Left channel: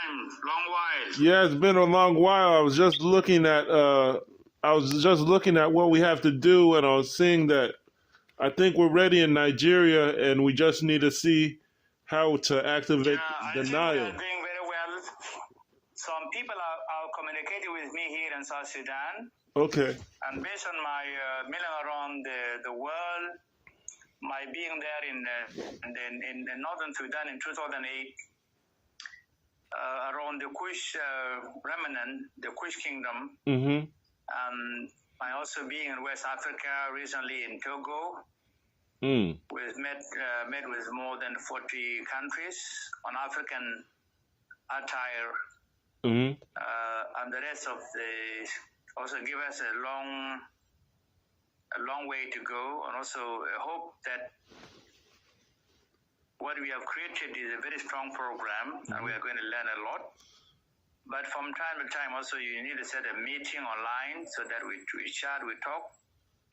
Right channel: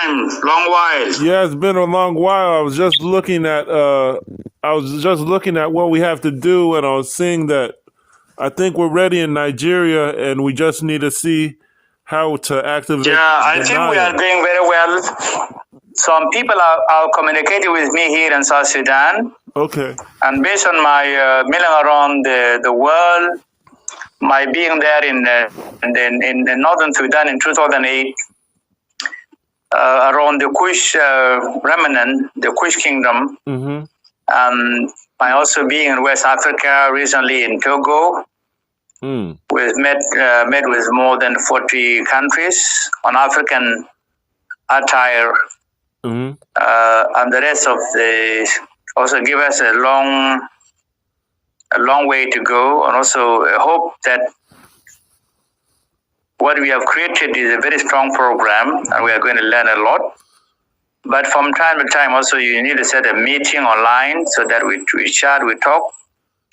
time, long while. Yeah, it's been a long while. I was just looking at what we have to do, and I was seeing that I think we're ready in Nigeria, and we just need to see how to activate Yeah, I the think we are Nile. doing very well. Some people are communicating with me here in South Sudan, Okay. and based on my milling around the world, my being there in northern Sudan in 2008, around the Kush remnant, the Kush kingdom, my also being in West Africa, recently in Togo. We've met with more than 40 countries on African attire, and the rest of the also give us a long way to go, and also hope that what we have created is a very strong program, and we are going to learn a lot. But from time to time, also you need to set a meeting online so that we chat, we talk,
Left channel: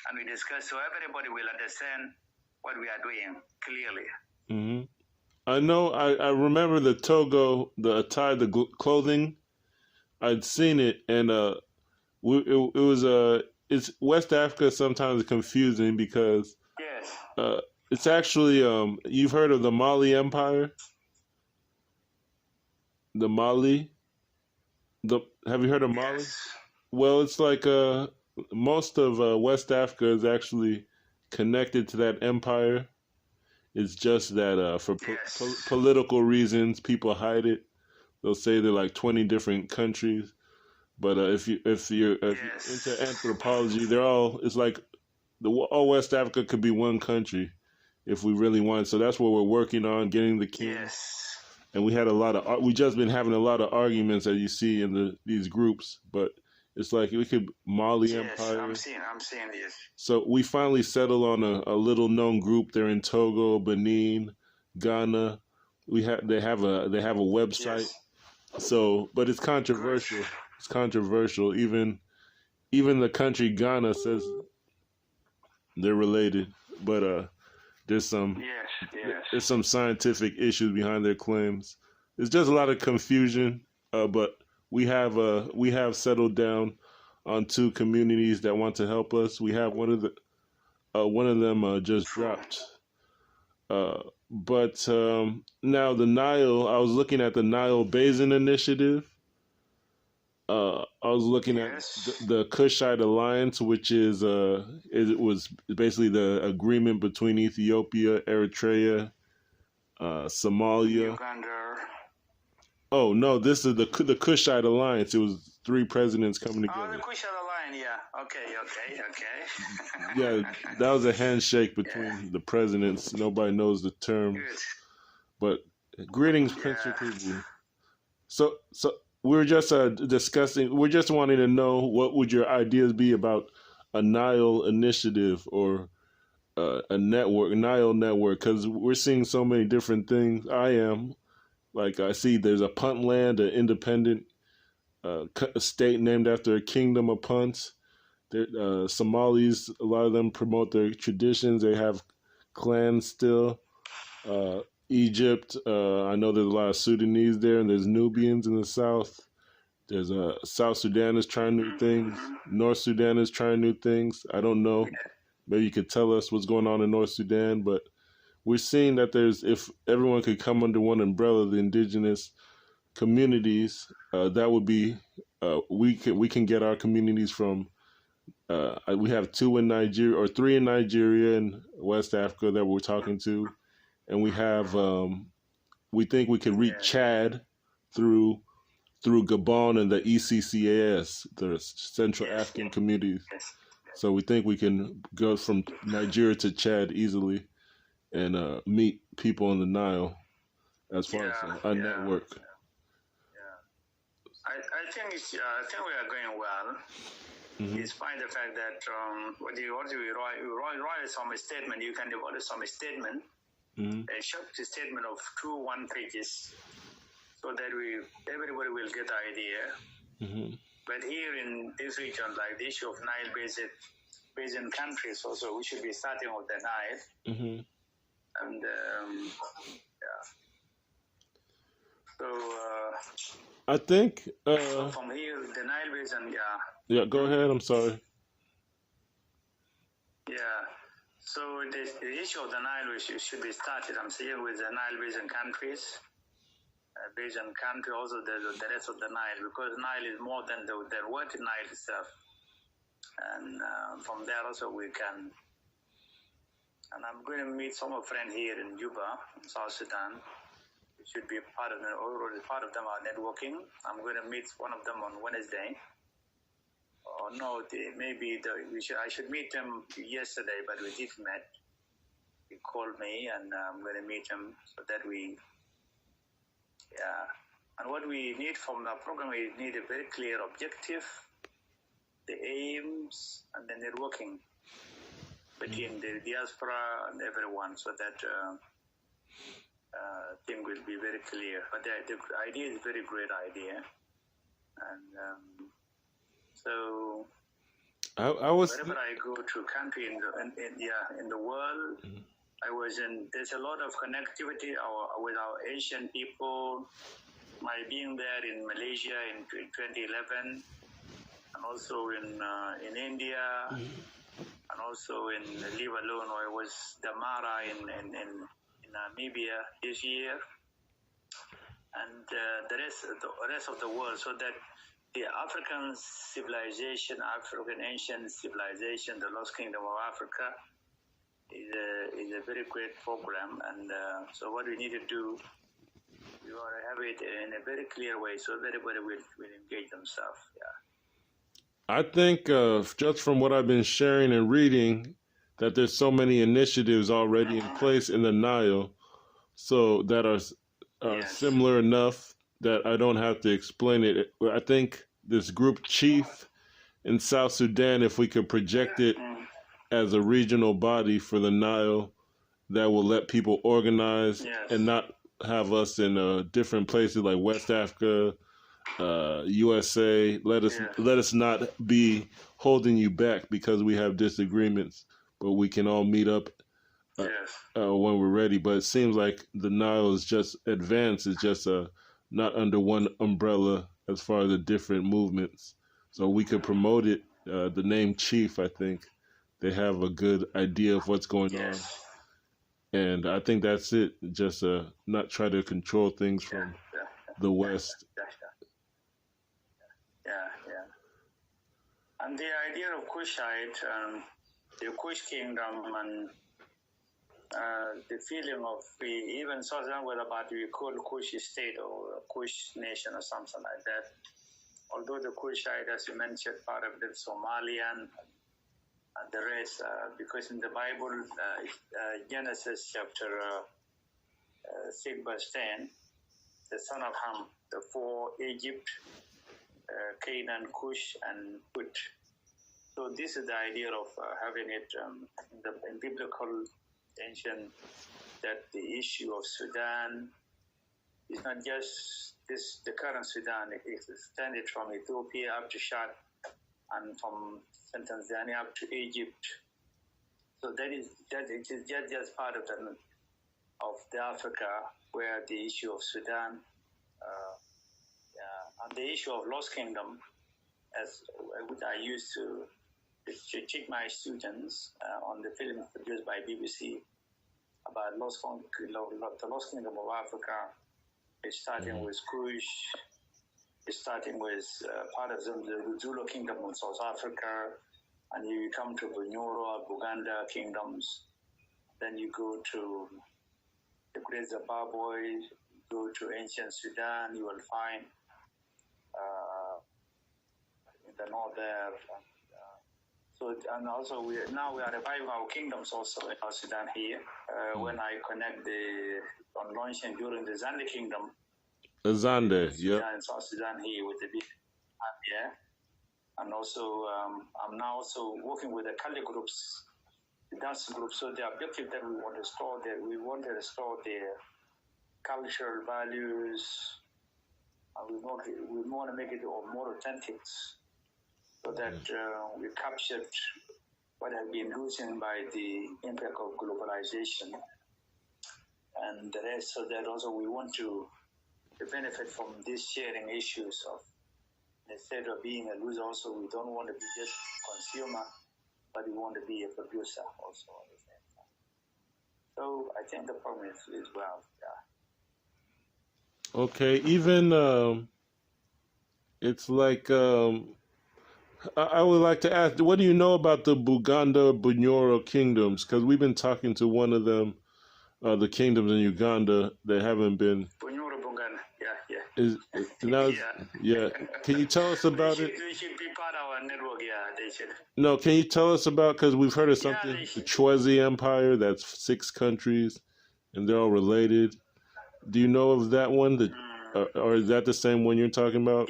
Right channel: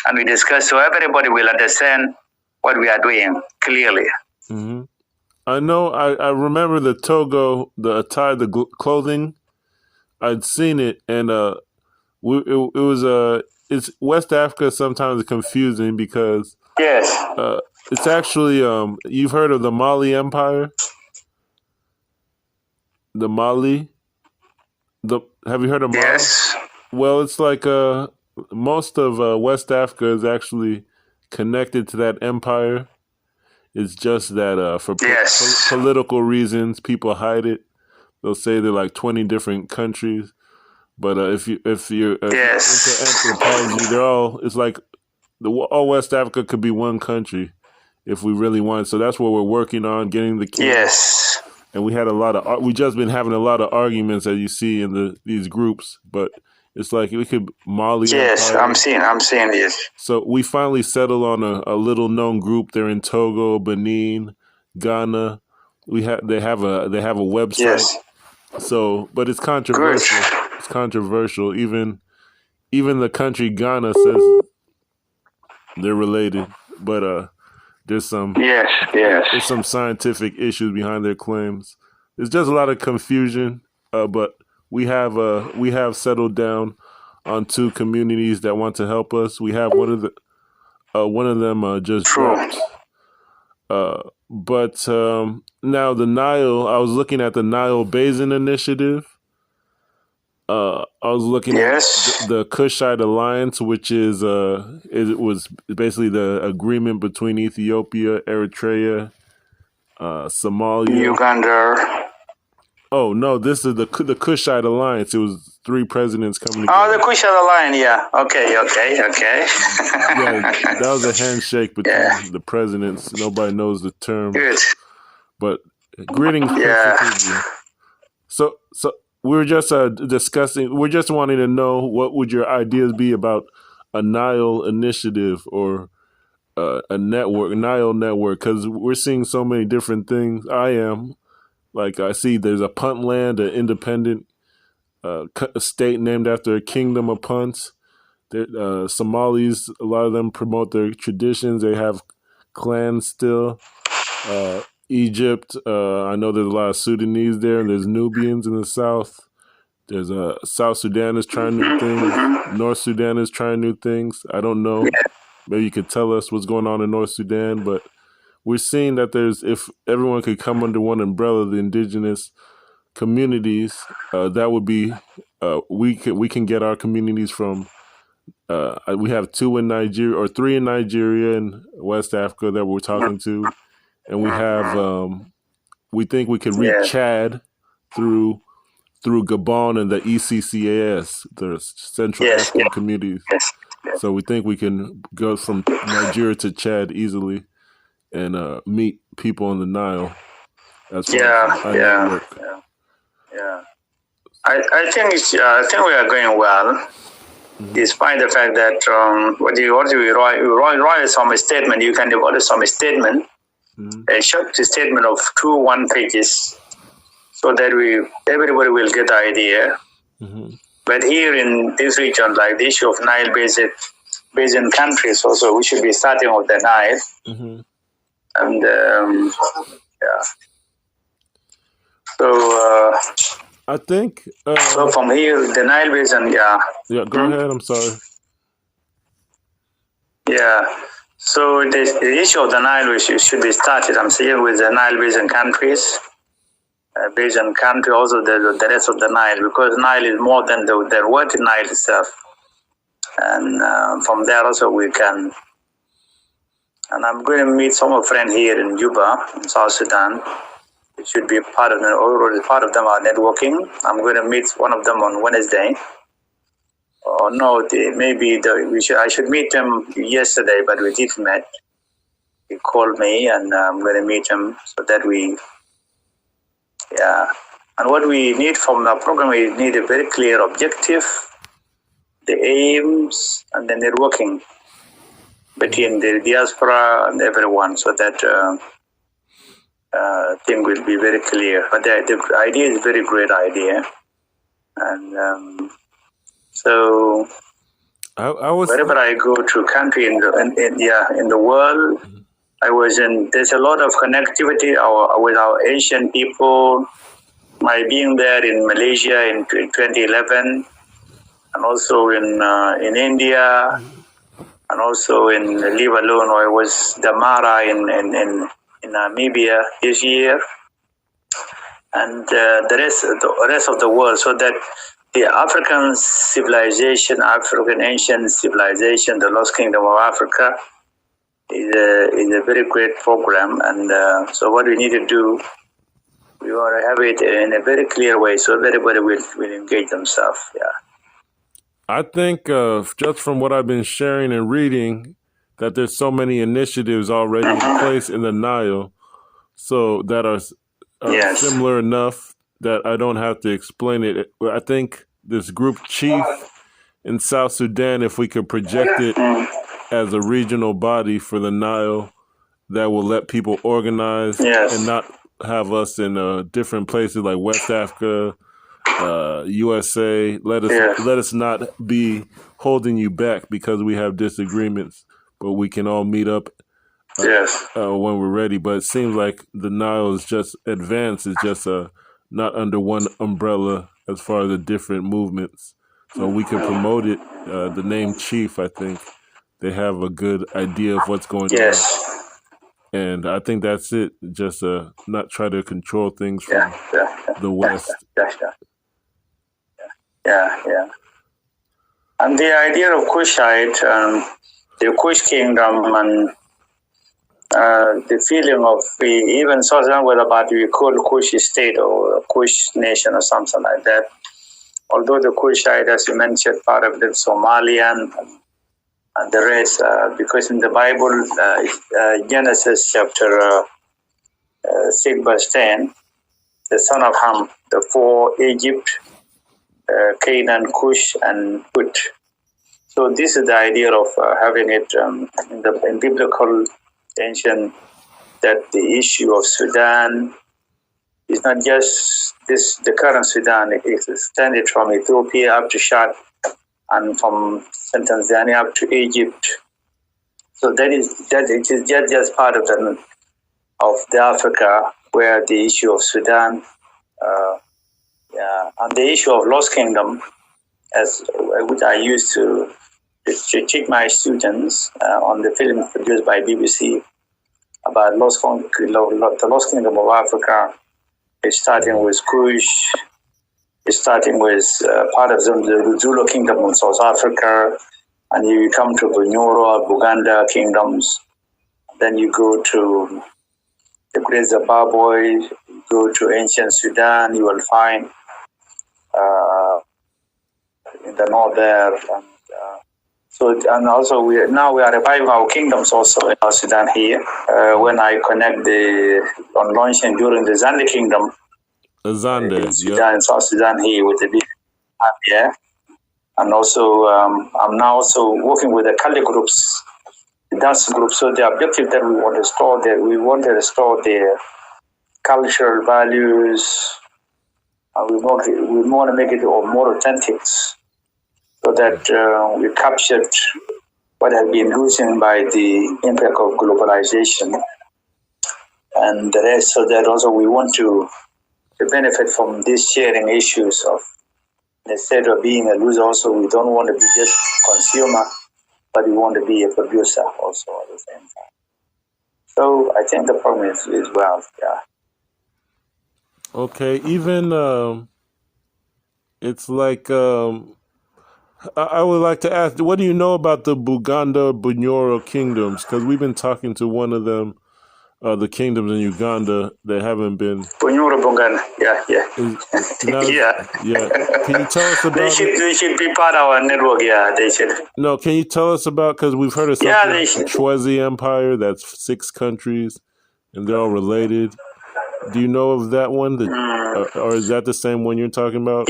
and we discuss, so everybody will understand what we are doing clearly. I know. I remember the Togo, the attire, the clothing. I'd seen it, and it's West Africa. Sometimes confusing because it's actually you've heard of the Maale Empire, the Maale. Have you heard of Maale? Yes. Well, it's like most of West Africa is actually connected to that empire. It's just that for political reasons, people hide it. They'll say they're like 20 different countries, but if you're into anthropology, it's like all West Africa could be one country if we really want. So that's what we're working on, getting the king. Yes. And we just been having a lot of arguments, as you see in these groups, but it's like we could Maale. Yes, Empire. I'm seeing this. So we finally settled on a little known group. They're in Togo, Benin, Ghana. They have a website. Yes. So, but it's controversial. Good. It's controversial. Even the country Ghana says they're related, but there's some there's some scientific issues behind their claims. There's just a lot of confusion, but we have settled down on two communities that want to help us. We have one of them just dropped. But now the Nile, I was looking at the Nile Basin Initiative. I was looking at the Kushite Alliance, which is it was basically the agreement between Ethiopia, Eritrea, Somalia, Uganda. Oh no, this is the Kushite Alliance. It was 3 presidents coming together. Oh, the Kushite Alliance, yeah. Okay. Yeah, that was a handshake between the presidents. Nobody knows the term. Good. But greetings, Prince. So we were just discussing. We're just wanting to know what would your ideas be about a Nile initiative or a network, Nile network, because we're seeing so many different things. I see there's a punt land, an independent state named after a kingdom of punts. Somalis, a lot of them promote their traditions. They have clans still. Egypt, I know there's a lot of Sudanese there, and there's Nubians in the south. There's South Sudan is trying new things. North Sudan is trying new things. I don't know. Maybe you could tell us what's going on in North Sudan, but we're seeing that if everyone could come under one umbrella, the indigenous communities, that would be we can get our communities from. We have 2 in Nigeria or 3 in Nigeria and West Africa that we're talking to, and we have. We think we could reach Chad through Gabon and the ECCAS, the Central African communities. So we think we can go from Nigeria to Chad easily and meet people on the Nile. As far as I think we are going well, despite the fact that what you write some statement. You can develop some statement, a short statement of 2-1 pages, so that everybody will get the idea. But here in this region, like the issue of Nile basin countries, also we should be starting with the Nile. And so I think. So from here, the Nile Basin, yeah. Yeah, go ahead. I'm sorry. Yeah. So the issue of the Nile should be started, I'm saying, with the Nile Basin countries. Basin country, also the rest of the Nile, because Nile is more than the word Nile itself. And from there also we can. And I'm going to meet some of friends here in Juba, in South Sudan. It should be part of them. Already part of them are networking. I'm going to meet one of them on Wednesday. Or no, I should meet him yesterday, but we didn't meet. He called me, and I'm going to meet him so that And what we need from the program, we need a very clear objective, the aims, and the networking between the diaspora and everyone, so that thing will be very clear. But the idea is a very great idea, and so wherever I go to country in the world, there's a lot of connectivity with our Asian people. My being there in Malaysia in 2011, and also in India, and also in Lebanon, I was Damara in Namibia this year, and the rest of the world, so that the African civilization, African ancient civilization, the Lost Kingdom of Africa, is a very great program, and so what we need to do, we want to have it in a very clear way, so everybody will engage themselves. Yeah. I think just from what I've been sharing and reading, that there's so many initiatives already in place in the Nile, so that are similar enough that I don't have to explain it. I think this group chief in South Sudan, if we could project it as a regional body for the Nile, that will let people organize and not have us in different places like West Africa, USA. Let us not be holding you back because we have disagreements, but we can all meet up when we're ready. But it seems like the Nile is just advanced. It's just not under one umbrella as far as the different movements. So we can promote it. The name Chief, I think they have a good idea of what's going on. And I think that's it. Just not try to control things from the West. And the idea of Kushite, the Kush kingdom, and the feeling of even South Sudan, whether about we call Kush state or Kush nation or something like that. Although the Kushite, as you mentioned, part of the Somalian and the rest, because in the Bible, Genesis chapter 6 verse 10, the son of Ham, the four Egypt, Canaan, Kush, and Put. So this is the idea of having it in biblical ancient, that the issue of Sudan is not just the current Sudan. It extended from Ethiopia up to Chad, and from Tanzania up to Egypt. So it is just part of the Africa, where the issue of Sudan, and the issue of Lost Kingdom, which I used to teach my students on the film produced by BBC about the Lost Kingdom of Africa. It's starting with Kush. It's starting with part of the Zulu Kingdom in South Africa, and you come to Bunyoro, Buganda kingdoms. Then you go to the Great Zimbabwe, you go to ancient Sudan, you will find in the north there. And also we are reviving our kingdoms also in South Sudan here. When I connect on launching during the Zande Kingdom, Sudan and South Sudan here with the big and also I'm now also working with the Kali groups, the dance groups. So the objective that we want to restore their cultural values, and we want to make it more authentic, so that we captured what has been losing by the impact of globalization and the rest. So that also we want to to benefit from these sharing issues of, instead of being a loser also, we don't want to be just consumer, but we want to be a producer also at the same time. So I think the problem is wealth, yeah. Okay, even it's like I would like to ask, what do you know about the Buganda Bunyoro kingdoms? Because we've been talking to one of them, the kingdoms in Uganda that haven't been. Bunyoro Buganda, yeah. Yeah. Can you tell us about They should be part of our network, yeah, they should. No, can you tell us about, because we've heard of something, Yeah, Chwezi Empire, that's 6 countries, and they're all related. Do you know of that one? Or is that the same one you're talking about?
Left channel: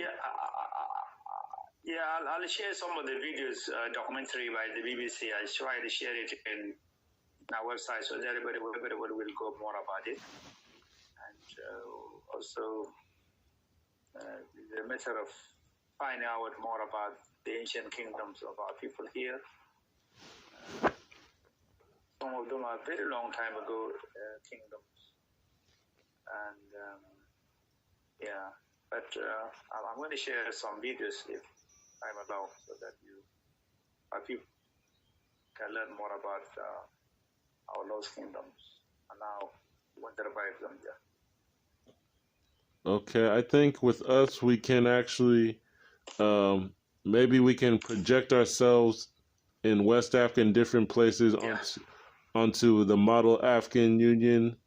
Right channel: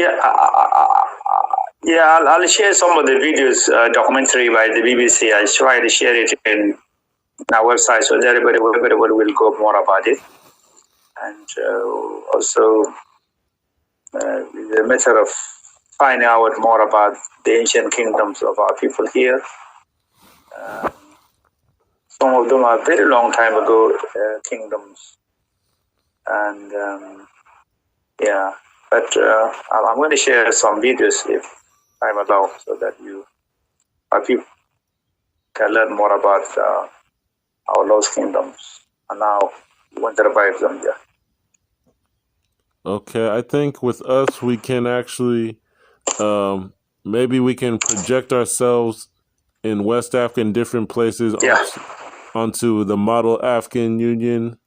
Yeah, I'll share some of the videos, documentary by the BBC. I try to share it in our website so that everybody will go more about it. And also the matter of finding out more about the ancient kingdoms of our people here. Some of them are very long time ago kingdoms. And but I'm going to share some videos if I'm allowed, so that our people can learn more about our lost kingdoms and how we want to revive them there. Okay, I think with us we can actually, maybe we can project ourselves in West Africa in different places onto the Model African Union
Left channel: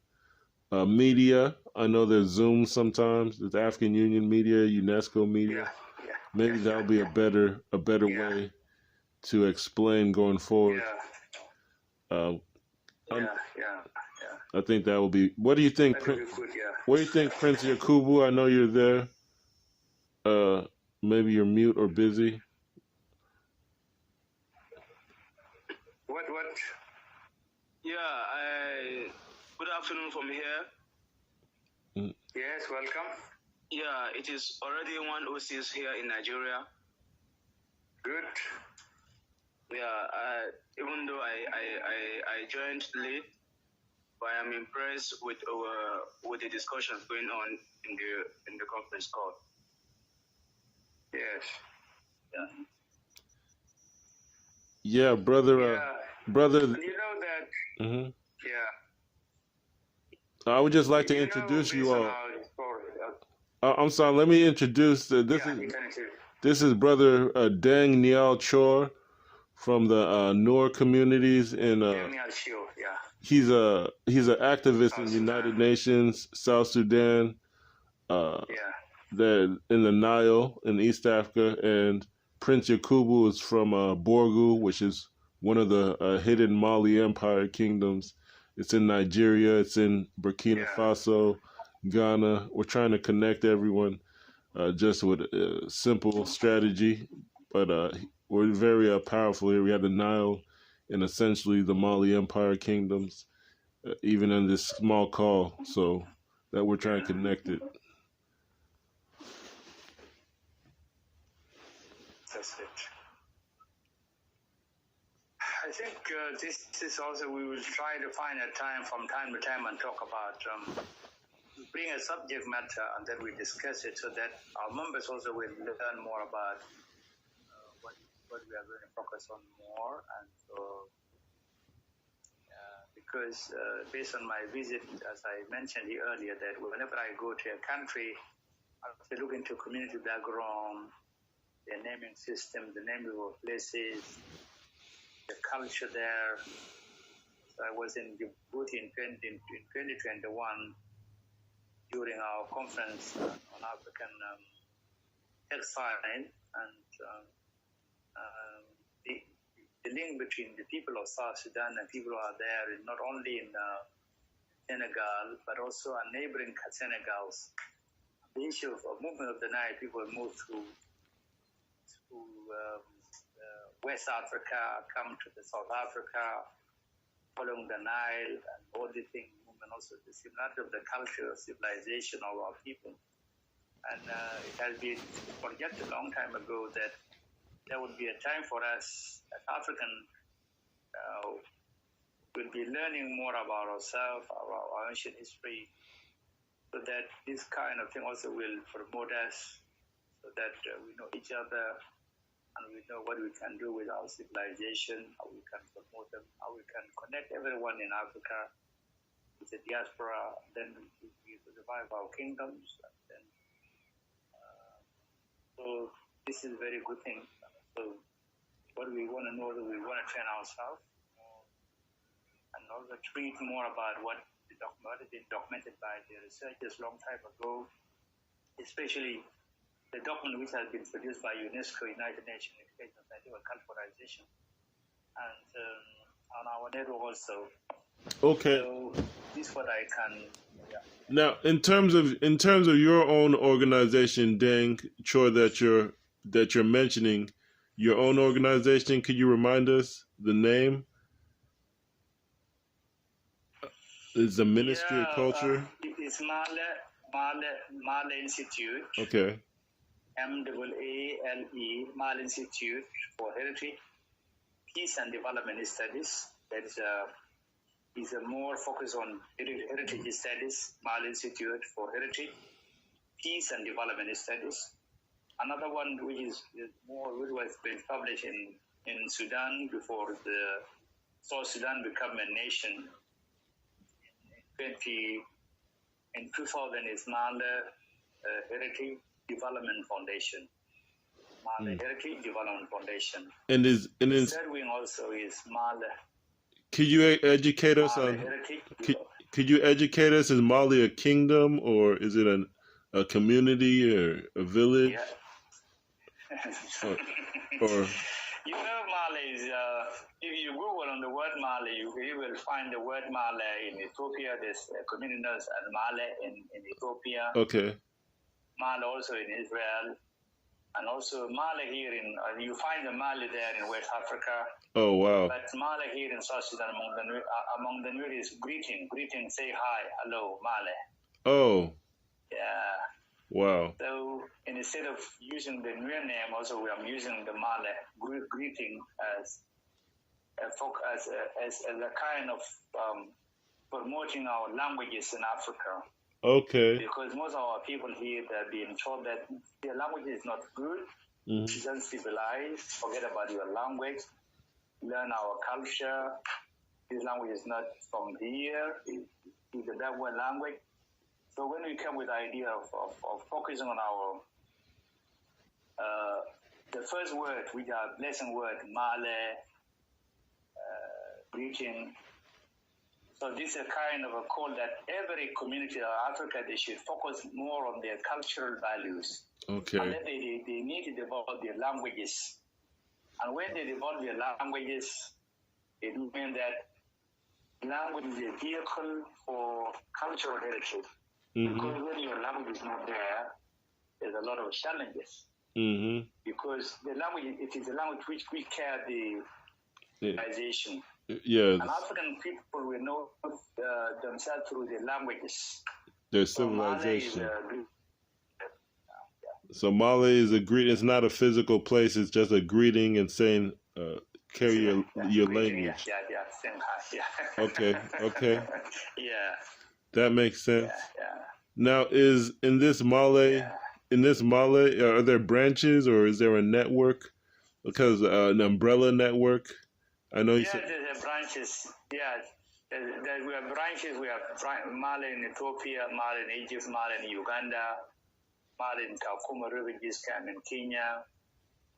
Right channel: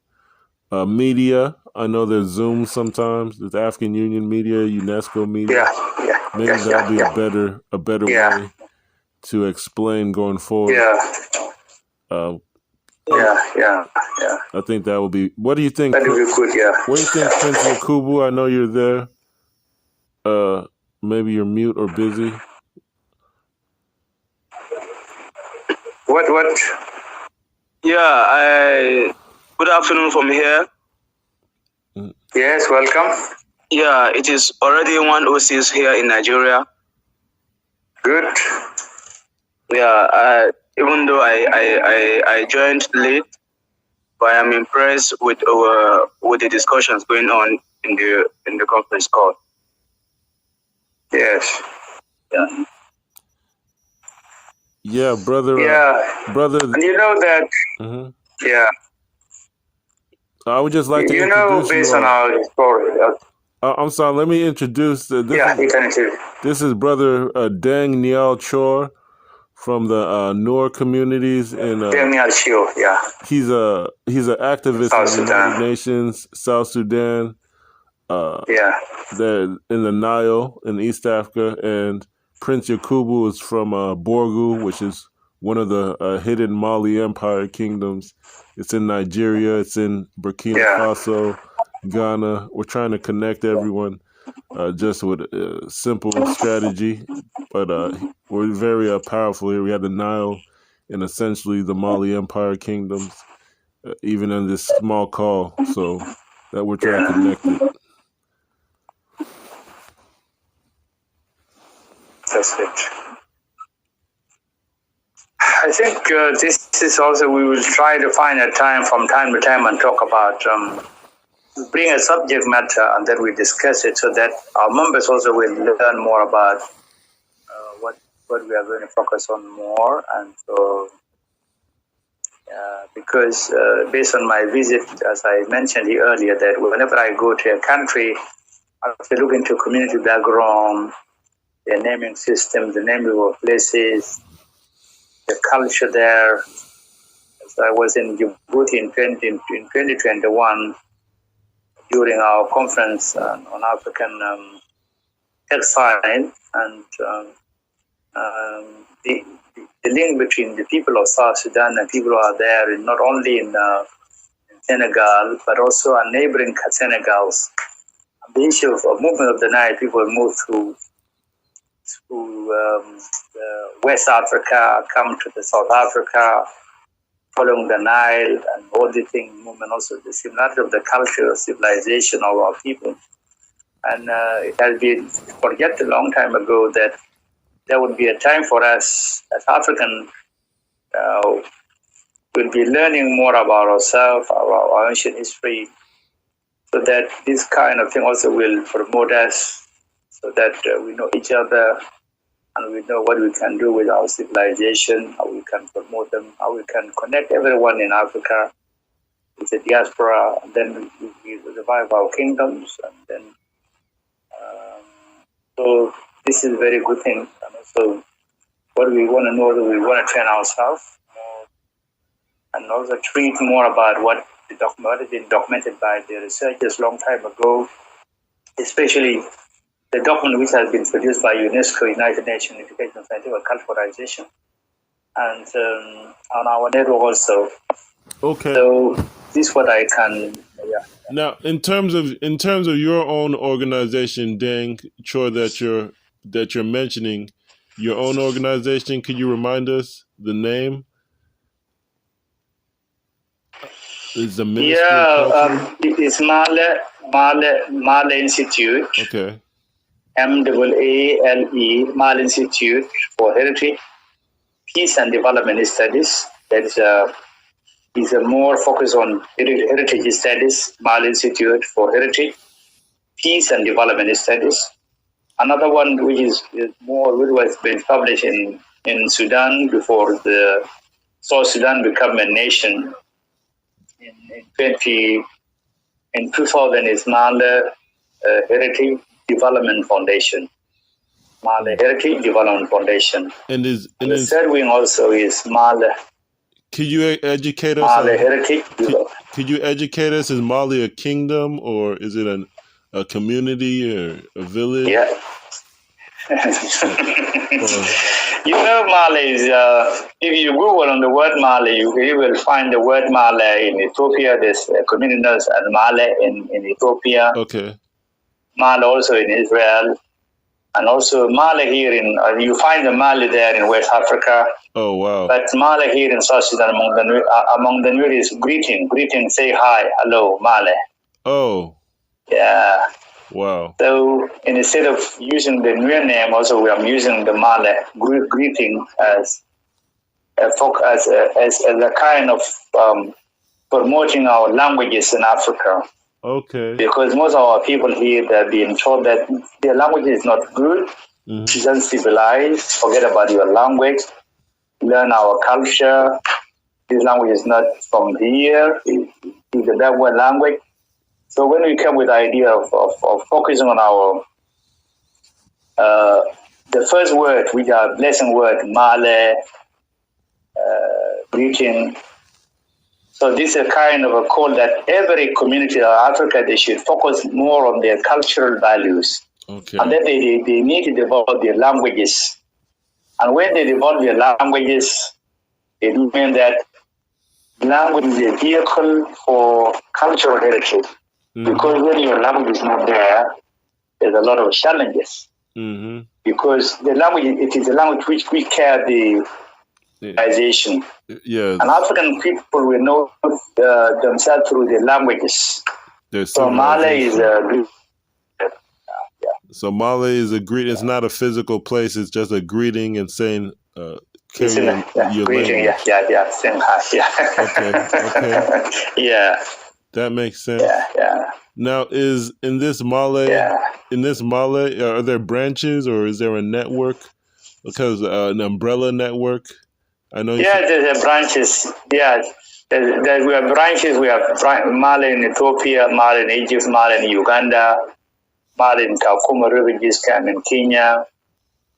media. I know there's Zoom sometimes. There's African Union media, UNESCO media. Maybe that'll be a better way to explain going forward. I think that will be. What do you think? That would be good. Yeah. What do you think, Prince Yakubu? I know you're there. Maybe you're mute or busy. What? Yeah. Good afternoon from here. Yes, welcome. Yeah, it is already 1:06 here in Nigeria. Good. Yeah, even though I joined late, but I am impressed with the discussions going on in the conference call. Yes. Yeah. Yeah, brother. Brother. And you know that. Mm-hmm. Yeah. I would just like to introduce based on our story. I'm sorry. Let me introduce. This is Brother Deng Nhial Choar from the Noor communities in. Deng Nhial, yeah. He's an activist in the United Nations, South Sudan. They're in the Nile in East Africa, and Prince Yakubu is from Borgu, which is one of the hidden Maale Empire kingdoms. It's in Nigeria. It's in Burkina Faso, Ghana. We're trying to connect everyone just with a simple strategy, but we're very powerful here. We have the Nile and essentially the Maale Empire kingdoms, even in this small call, so that we're trying to connect it. That's it. I think this is also, we will try to find a time from time to time and talk about, bring a subject matter and then we discuss it so that our members also will learn more about what we are going to focus on more. And so, because based on my visit, as I mentioned earlier, that whenever I go to a country, I have to look into community background, the naming system, the naming of places, the culture there. So I was in Djibouti in 2021 during our conference on African exile, and the link between the people of South Sudan and people who are there, not only in Senegal, but also our neighboring Senegals. The issue of movement of the Nile, people move through West Africa, come to the South Africa, following the Nile and auditing movement, also the similarity of the culture, civilization of our people. And it has been forget a long time ago that there would be a time for us as African, we'll be learning more about ourselves, our ancient history, so that this kind of thing also will promote us, so that we know each other and we know what we can do with our civilization, how we can promote them, how we can connect everyone in Africa with the diaspora, and then we revive our kingdoms, and then so this is a very good thing. And also, what we want to know, that we want to train ourselves more, and also treat more about what has been documented by the researchers long time ago, especially the document which has been produced by UNESCO, United Nations Education and Scientific Culturalization, and on our network also. Okay. So this is what I can. Yeah. Now, in terms of your own organization, Deng, Choar, that you're mentioning, your own organization, could you remind us the name? Is the Ministry of Culture? It is Maale Institute. Okay. MAALE, Maale Institute for Heritage, Peace and Development Studies. That is a more focus on heritage studies. Maale Institute for Heritage, Peace and Development Studies. Another one which was been published in Sudan before the South Sudan became a nation in 2000 is Maale Heritage Development Foundation. Maale Heritage Development Foundation. And the third wing also is Maale. Could you educate us? Maale Heritage. Could you educate us? Is Maale a kingdom, or is it a community or a village? Yeah. You know, Maale is, if you Google on the word Maale, you will find the word Maale in Ethiopia. There's communities and Maale in Ethiopia. Okay. Maale also in Israel. And also Maale here you find the Maale there in West Africa. Oh, wow. But Maale here in South Sudan, among the Nuer is greeting, say hi, hello, Maale. Oh. Yeah. Wow. So instead of using the Nuer name, also I'm using the Maale greeting as a kind of promoting our languages in Africa. Okay. Because most of our people here, they're being told that their language is not good, it's uncivilized, forget about your language, learn our culture. This language is not from here, it's a backward language. So when we come with the idea of focusing on our, the first word, which are blessing word, Maale, greeting. So this is a kind of a call that every community of Africa, they should focus more on their cultural values. Okay. And then they need to develop their languages. And when they develop their languages, it means that language is a vehicle for cultural heritage. Because when your language is not there, there's a lot of challenges. Because the language, it is a language which we carry the civilization. Yeah. And African people will know themselves through their languages. So Maale is a So Maale is a greeting. It's not a physical place. It's just a greeting and saying, carrying your greeting. language. Yeah. Saying hi. Yeah. Okay. Yeah. That makes sense. Yeah. Now, is in this Maale, are there branches or is there a network? Because an umbrella network. I know. There's branches. Yeah, we have branches. We have Maale in Ethiopia, Maale in Egypt, Maale in Uganda, Maale in Kakuma refugees camp in Kenya,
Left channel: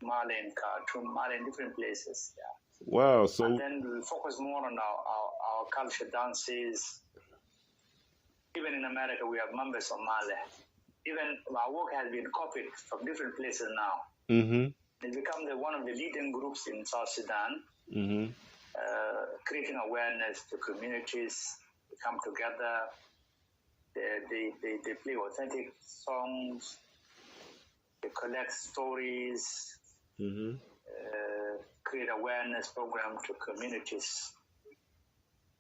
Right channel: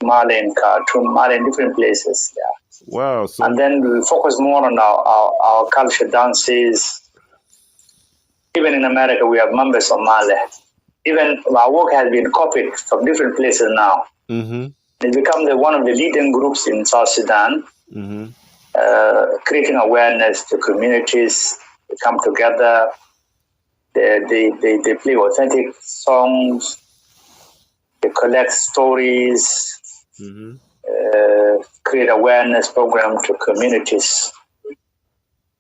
Maale in Khartoum, Maale in different places. Yeah. Wow. So, and then we focus more on our culture, dances. Even in America, we have members of Maale. Even our work has been copied from different places now. It's become one of the leading groups in South Sudan, creating awareness to communities. They come together. They play authentic songs. They collect stories. Create awareness program to communities,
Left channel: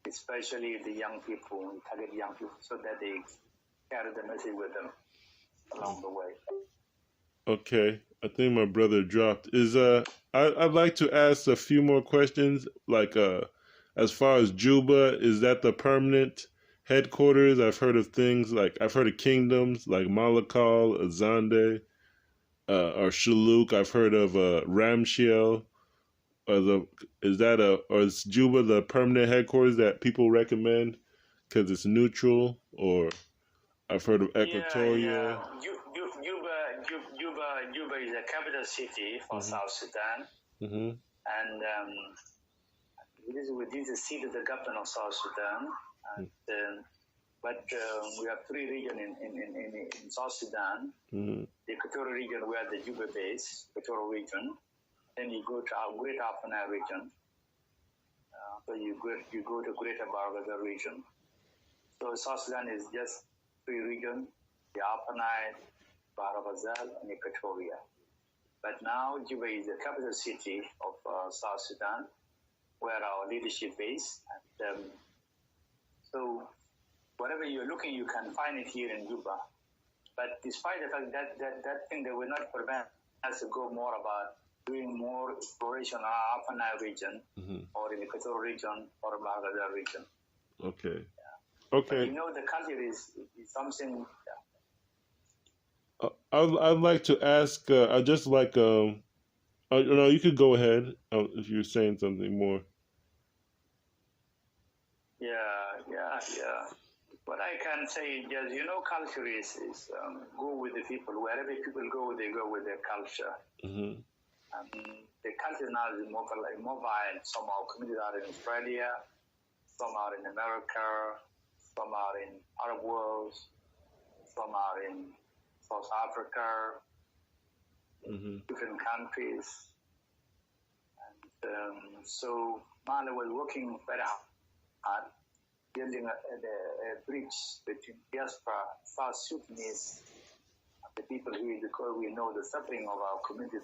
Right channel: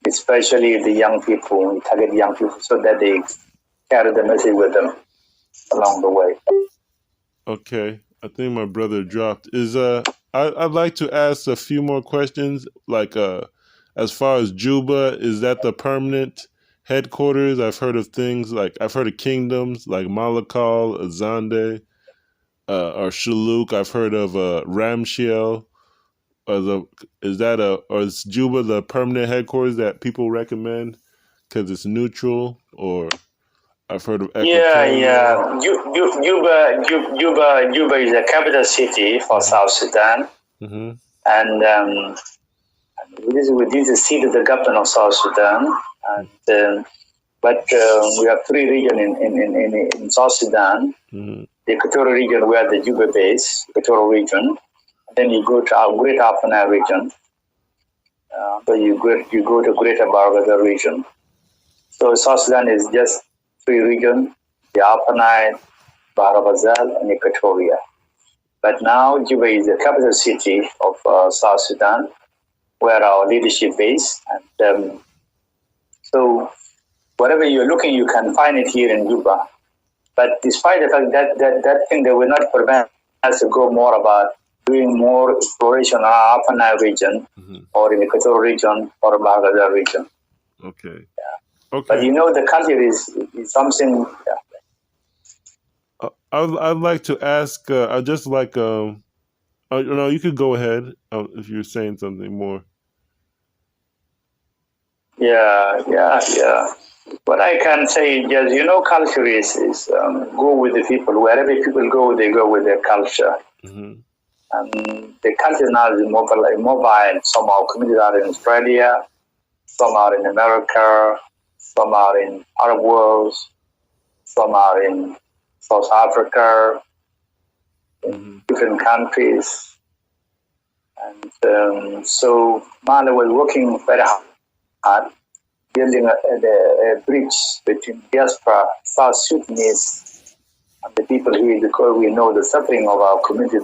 especially the young people, target young people, so that they carry the message with them along the way. Okay. I think my brother dropped. I'd like to ask a few more questions, like as far as Juba, is that the permanent headquarters. I've heard of things like I've heard of kingdoms like Malakal, Azande, or Shuluk. I've heard of Ramshiel. Or is Juba the permanent headquarters that people recommend because it's neutral? Or I've heard of Equatoria. Juba is the capital city for South Sudan, and this is the seat of the government of South Sudan. And but we have three regions in South Sudan. The Equatorial region, where the Juba base, Equatorial region. Then you go to our Greater Upper Nile region. But you go to Greater Barghazal region. So South Sudan is just three regions: the Upper Nile, Barghazal, and Equatoria. But now Juba is the capital city of South Sudan, where our leadership is. And so whatever you're looking, you can find it here in Juba. But despite the fact that thing, that will not prevent us to go more about doing more exploration in our Upper Nile region, or in the Equatorial region, or Barghazal region. Okay. Yeah. Okay. But the culture is something. Yeah. I'd like to ask. I'd just like. No, you could go ahead if you're saying something more. Yeah. What I can say is just, culture is go with the people. Wherever people go, they go with their culture. And the culture now is mobile. Some of our communities are in Australia, some are in America, some are in Arab world, some are in South Africa, in different countries. And so Maale was working very hard, building a bridge between diaspora, South Sudanese, and the people here, because we know the suffering of our community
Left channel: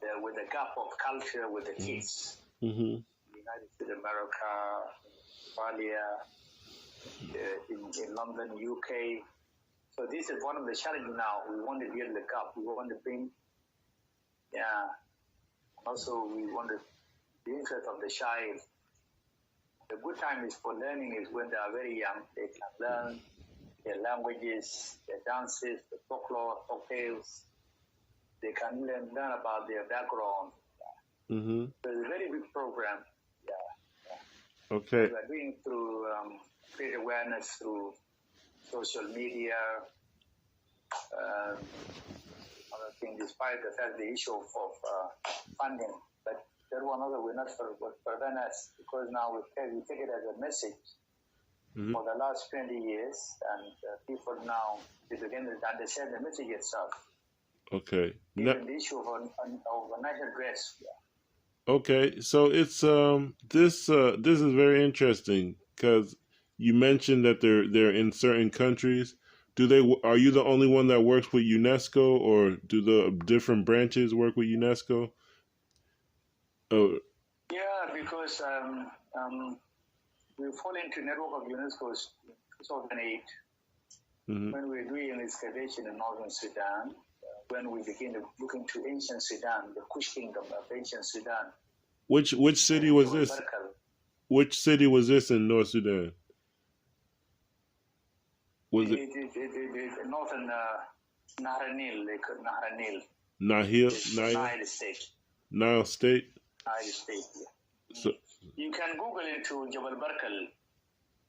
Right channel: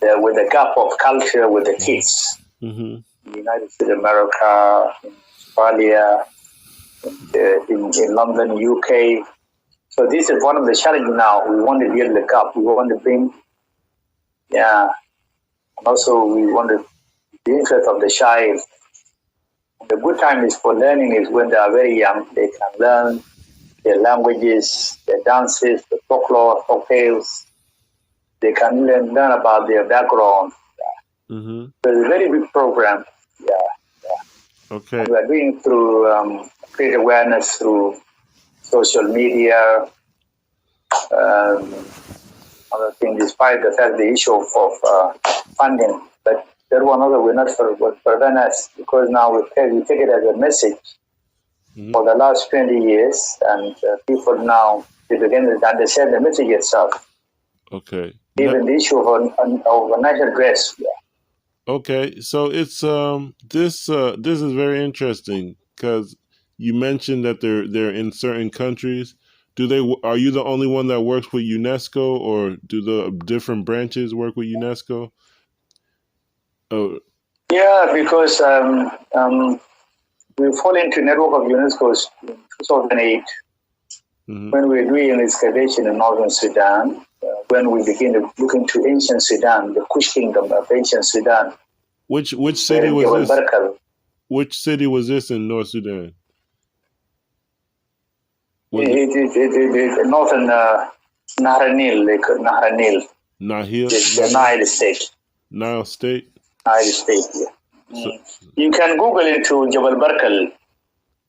there with the gap of culture with the kids. In the United States of America, in Australia, in London, UK. So this is one of the challenges now. We want to build the gap. We want to bring, and also we want the interest of the child. The good time is for learning is when they are very young. They can learn their languages, their dances, the folklore, folk tales. They can learn about their background. So it's a very big program. Okay. And we are doing through create awareness through social media. Other thing, despite the fact the issue of funding, but there one other will not prevent us, because now we take it as a message for the last 20 years, and people now they begin to understand the message itself. Okay. Even the issue of national dress. Okay, so it's this is very interesting because you mentioned that they're in certain countries. Are you the only one that works with UNESCO, or do the different branches work with UNESCO? Oh. Yeah, because we fall into network of UNESCO in 2008 when we were doing an excavation in northern Sudan. When we begin to look into ancient Sudan, the Kush kingdom of ancient Sudan. Which city was this? Which city was this in North Sudan? Northern Nahanil, they call Nahanil. Nahil? Nile State. Nile State? Nile State, yeah. So, you can Google into Jebel Barkal.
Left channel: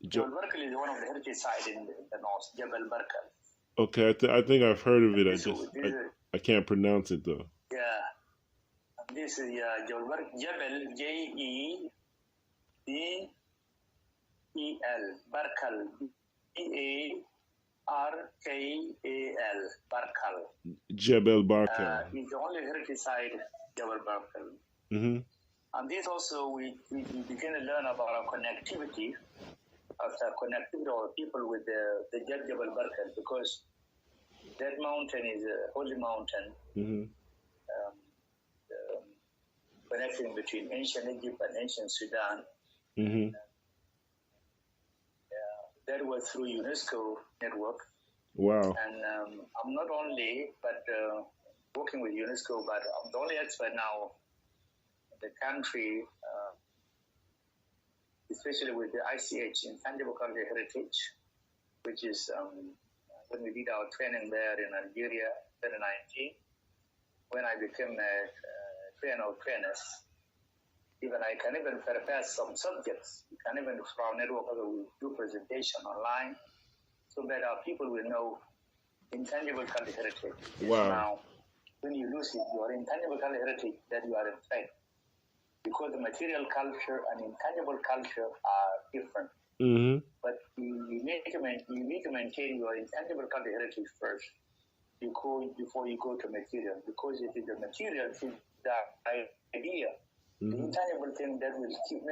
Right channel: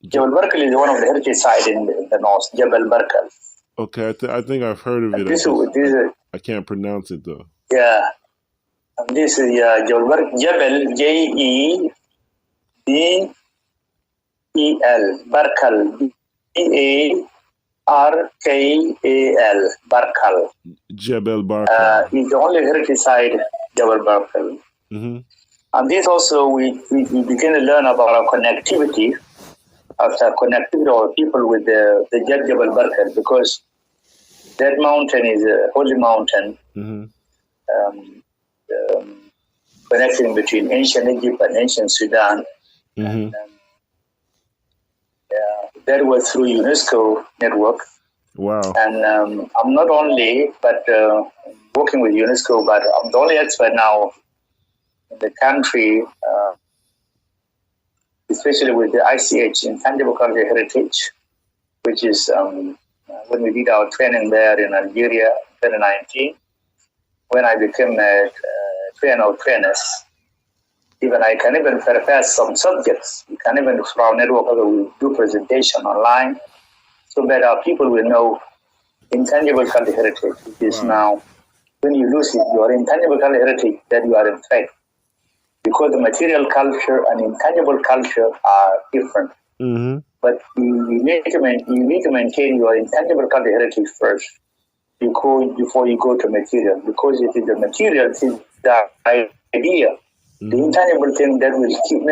Jebel Barkal is one of the heritage sites in the north, Jebel Barkal. Okay, I think I've heard of it. I can't pronounce it though. Yeah. And this is Jebel Barkal. Jebel, Jebel, Barkal, Barkal, Barkal. Jebel Barkal. It's the only heritage site, Jebel Barkal. And this also, we begin to learn about our connectivity, of people with the Jebel Barkal, because that mountain is a holy mountain, connecting between ancient Egypt and ancient Sudan. And, that was through UNESCO network. Wow. And I'm not only, but working with UNESCO, but I'm the only expert now in the country especially with the ICH, Intangible Cultural Heritage, which is when we did our training there in Algeria in 2019, when I became a trainer of trainers. Even I can even prepare some subjects. We can even, through our network, we do presentation online so that our people will know intangible cultural heritage, which is now, when you lose it, your intangible cultural heritage, that you are in fact, because the material culture and intangible culture are different. Mm-hmm. But you need to maintain your intangible cultural heritage first before you go to material, because it is the material, it is the idea. The intangible thing that will keep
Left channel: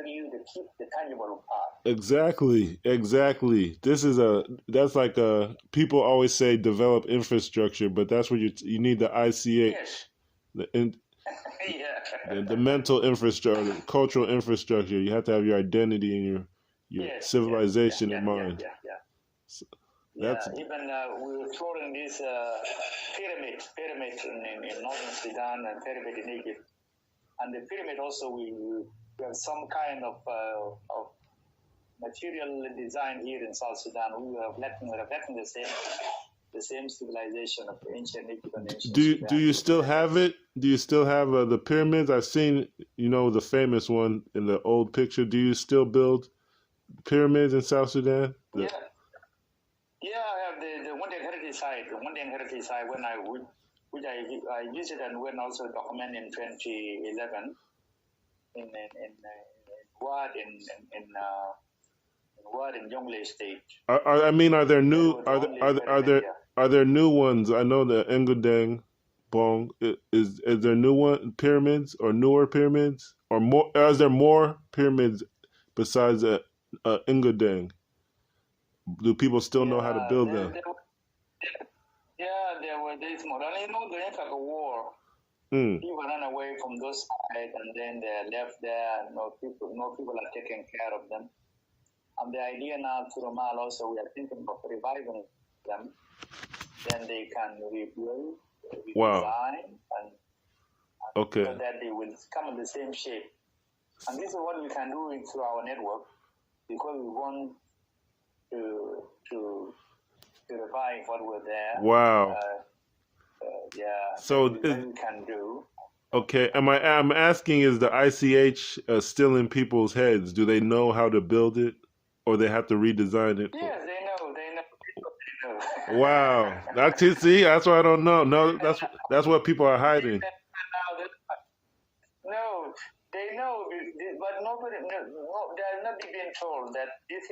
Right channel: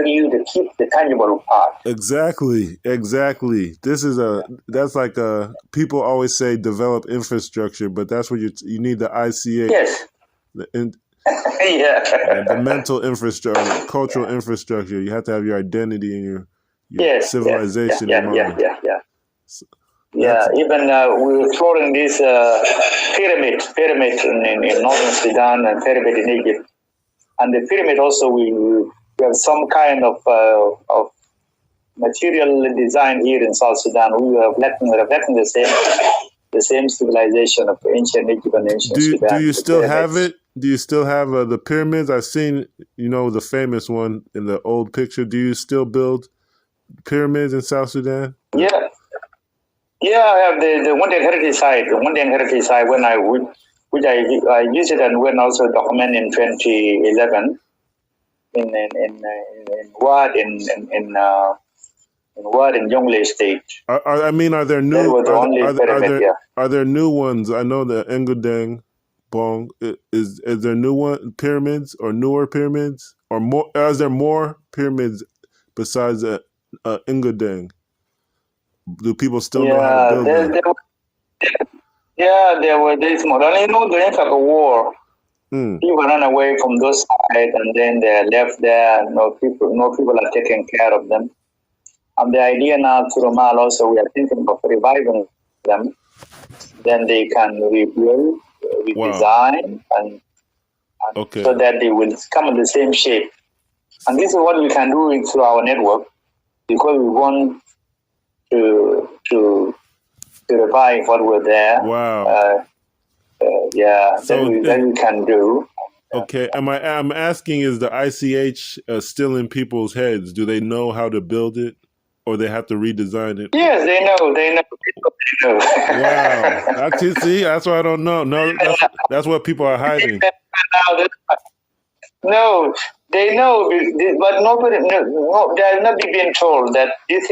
the tangible part. Exactly. This is that's like people always say develop infrastructure, but that's what you need the ICH. Yes. The mental infrastructure, cultural infrastructure. You have to have your identity and your civilization in mind. Even we were exploring this pyramid in northern Sudan and pyramid in Egypt. And the pyramid also, we have some kind of material design here in South Sudan. We are reflecting the same civilization of ancient Egypt and ancient Sudan. Do you still have it? Do you still have the pyramids? I've seen, the famous one in the old picture. Do you still build pyramids in South Sudan? Yeah, I have the one day heritage site. The one day heritage site when which I used it and went also document in 2011 in Wad in Jonglei State. Are there new? Are there new ones? I know the Deng Bong is there new pyramids or newer pyramids or more? Is there more pyramids besides Deng? Do people still know how to build them? There were this model. During the war, people ran away from those sides, and then they're left there. No people are taking care of them. And the idea now through Maale also, we are thinking of reviving them. Then they can rebuild, redesign, and so that they will come in the same shape. And this is what we can do through our network, because we want to revive what were there. Wow. So that we can do. Okay. I'm asking, is the ICH still in people's heads? Do they know how to build it, or they have to redesign it? Yes, they know. Wow. That's what I don't know. No, that's what people are hiding. No, they know, but nobody. No, they are not being told that this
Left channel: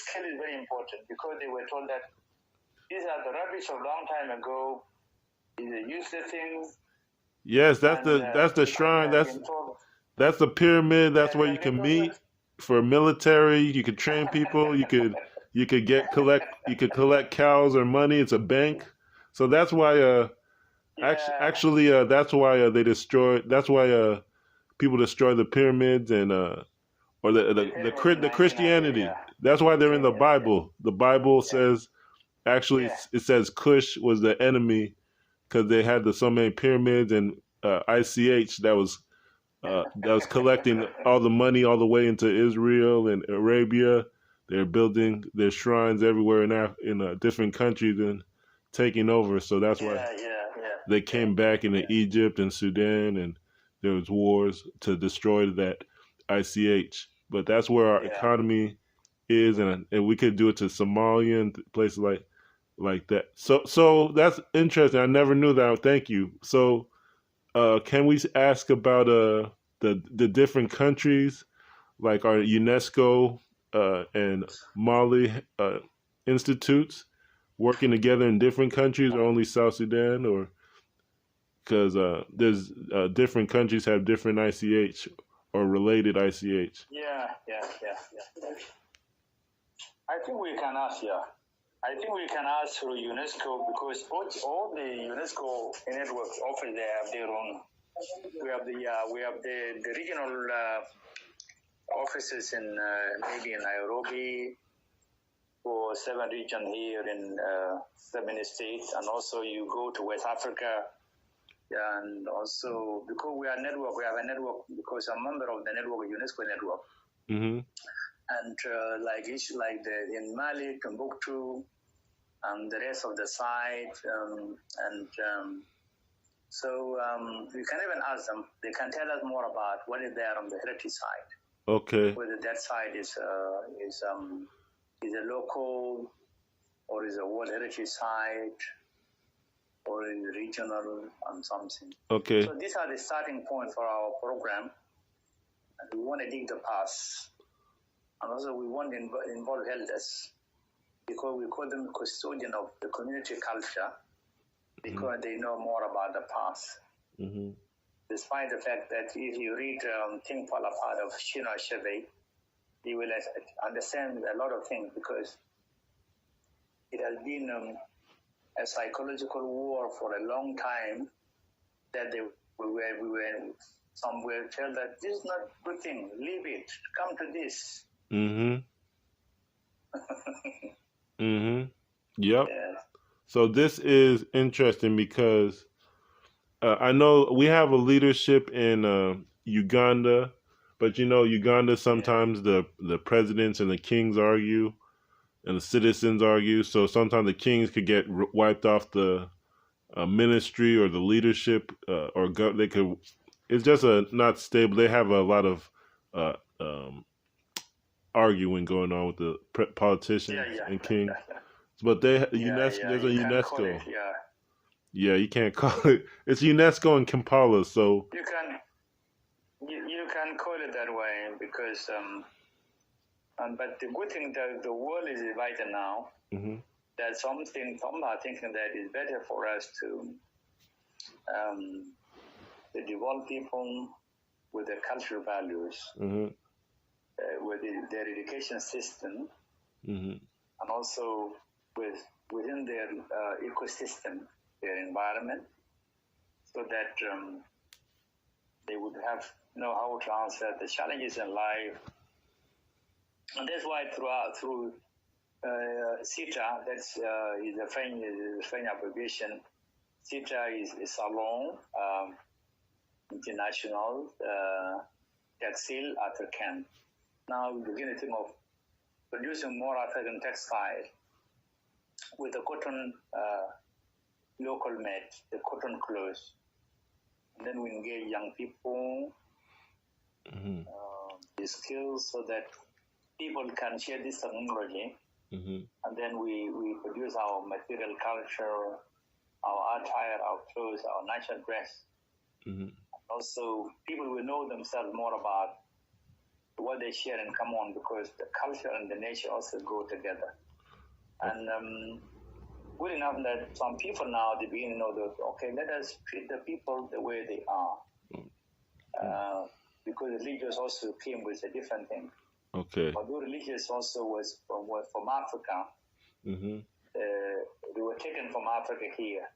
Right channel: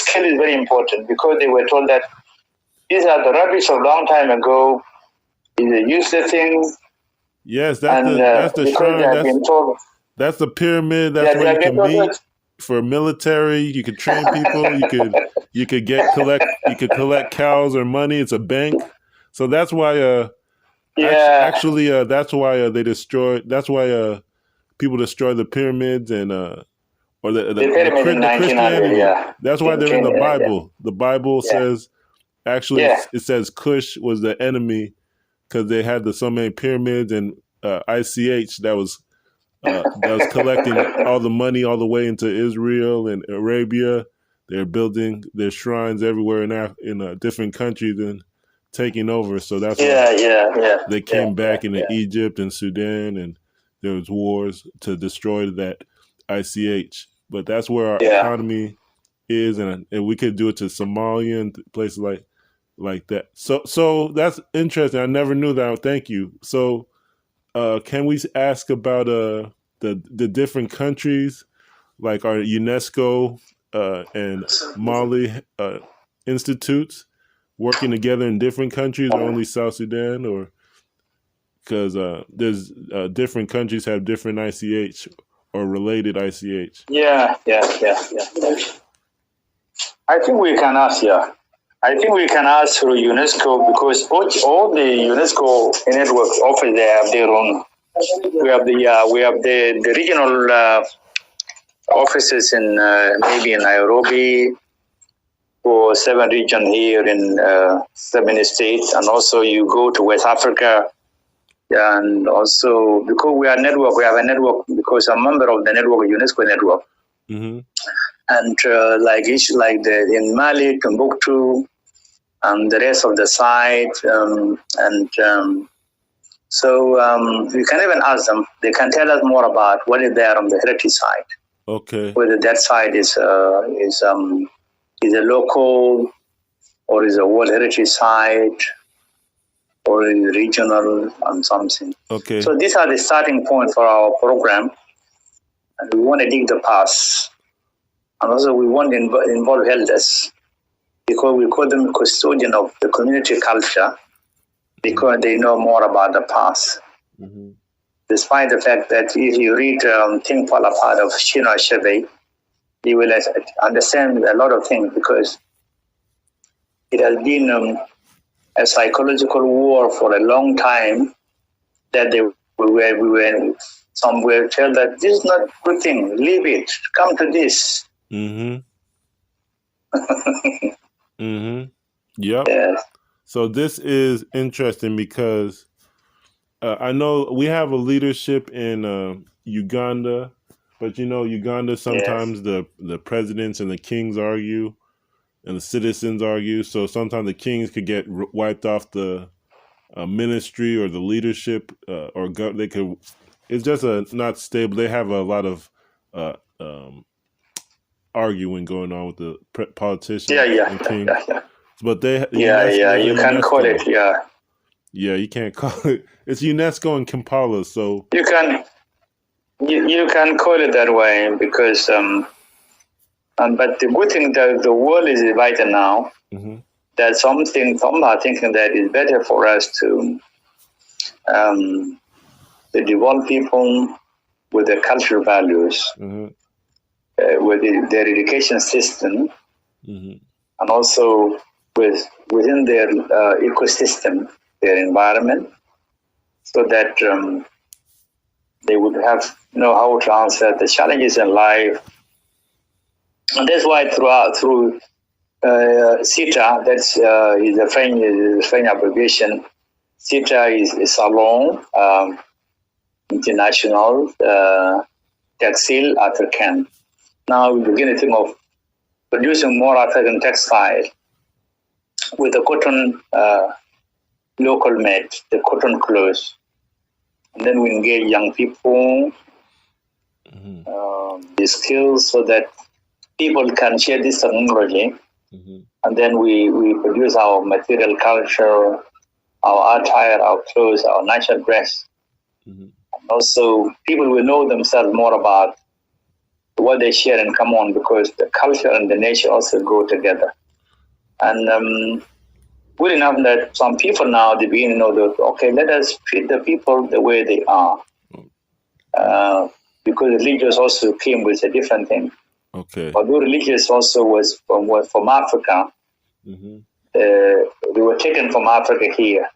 skill is very important, because they were told that these are the rubbish of long time ago. These are useless things. Yes, that's the shrine. That's the pyramid. That's where you can meet for military. You can train people. You could collect cows or money. It's a bank. So that's why. That's why they destroy. That's why people destroy the pyramids and or the Christianity. Yeah. That's why they're in the Bible. The Bible says. Actually, it says Kush was the enemy because they had so many pyramids, and ICH that was collecting all the money all the way into Israel and Arabia. They're building their shrines everywhere in different countries and taking over. So that's why they came back into Egypt and Sudan, and there was wars to destroy that ICH. But that's where our economy is, and we could do it to Somalia and places like that. So that's interesting. I never knew that. Thank you. So can we ask about the different countries, like our UNESCO and Maale institutes working together in different countries, or only South Sudan, or because there's different countries have different ICH or related ICH? Yeah. I think we can ask, I think we can ask through UNESCO, because all the UNESCO networks often they have their own. We have the regional offices in maybe in Nairobi, for 7 regions here in 7 states, and also you go to West Africa, and also because we have a network because I'm a member of the network, UNESCO network. Mm-hmm. and like in Maale, Timbuktu, and the rest of the site, so we can even ask them. They can tell us more about what is there on the heritage side. Okay. Whether that side is a local or is a World Heritage Site or is regional and something. Okay. So these are the starting point for our program, and we want to dig the past, and also we want to involve elders, because we call them custodian of the community culture, because they know more about the past. Mm-hmm. Despite the fact that if you read Think Fall Apart of Chinua Achebe, you will understand a lot of things, because it has been a psychological war for a long time, that we were somewhere tell that this is not a good thing, leave it, come to this. Mm-hmm. Mm-hmm. Yep. Yes. So this is interesting because I know we have a leadership in Uganda, but Uganda sometimes the presidents and the kings argue, and the citizens argue. So sometimes the kings could get wiped off the ministry or the leadership, or they could. It's just not stable. They have a lot of arguing going on with the politicians and kings. Yeah. But they You can call it, Yeah, you can't call it. It's UNESCO in Kampala, so you can call it that way, because but the good thing that the world is divided now. Mm-hmm. That some are thinking that it's better for us to develop people with the cultural values, mm-hmm. With their education system, mm-hmm. and also within their ecosystem, their environment, so that they would know how to answer the challenges in life. And that's why through CITA, that's is a French abbreviation. CITA is Salon International Textile Africain. Now we begin to think of producing more African textile with the cotton local made, the cotton clothes. And then we engage young people, the skills, so that people can share this technology. Mm-hmm. And then we produce our material culture, our attire, our clothes, our national dress. Mm-hmm. And also, people will know themselves more about what they share in common, because the culture and the nature also go together. And good enough that some people now, they begin to know that, okay, let us treat the people the way they are. Because religious also came with a different thing. Okay. Although religious also was from Africa, mm-hmm. They were taken from Africa here.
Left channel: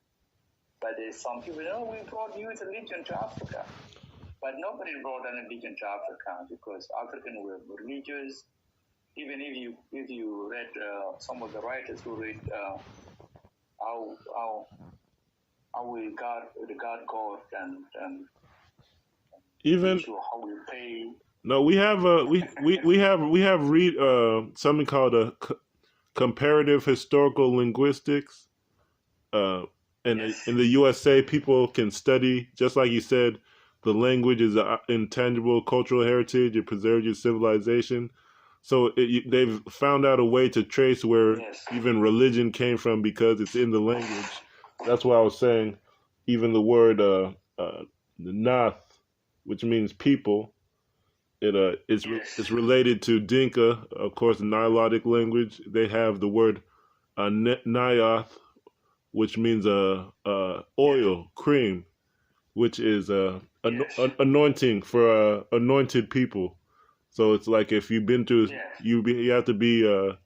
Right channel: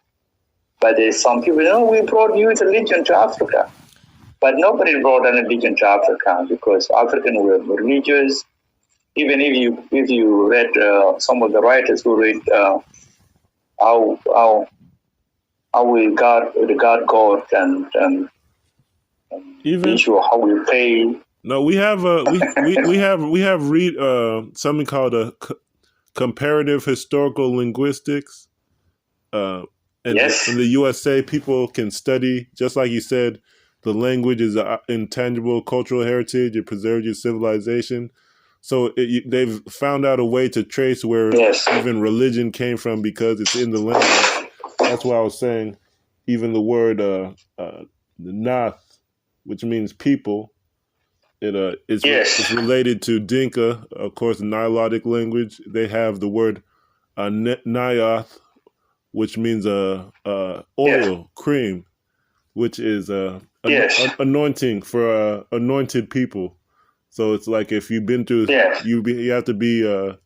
But there's some people, we brought youth religion to Africa. But nobody brought any religion to Africa, because Africans were religious. Even if you read some of the writers who read how we regard God and even issue how we pray. No, we have we have read something called a comparative historical linguistics. And yes. in the USA, people can study, just like you said, the language is an intangible cultural heritage. It preserves your civilization. So they've found out a way to trace where even religion came from, because it's in the language. That's why I was saying, even the word the Nath, which means people, it's related to Dinka, of course, the Nilotic language. They have the word Nyath, which means oil, cream, which is anointing for anointed people. So it's like if you've been through, you have to be a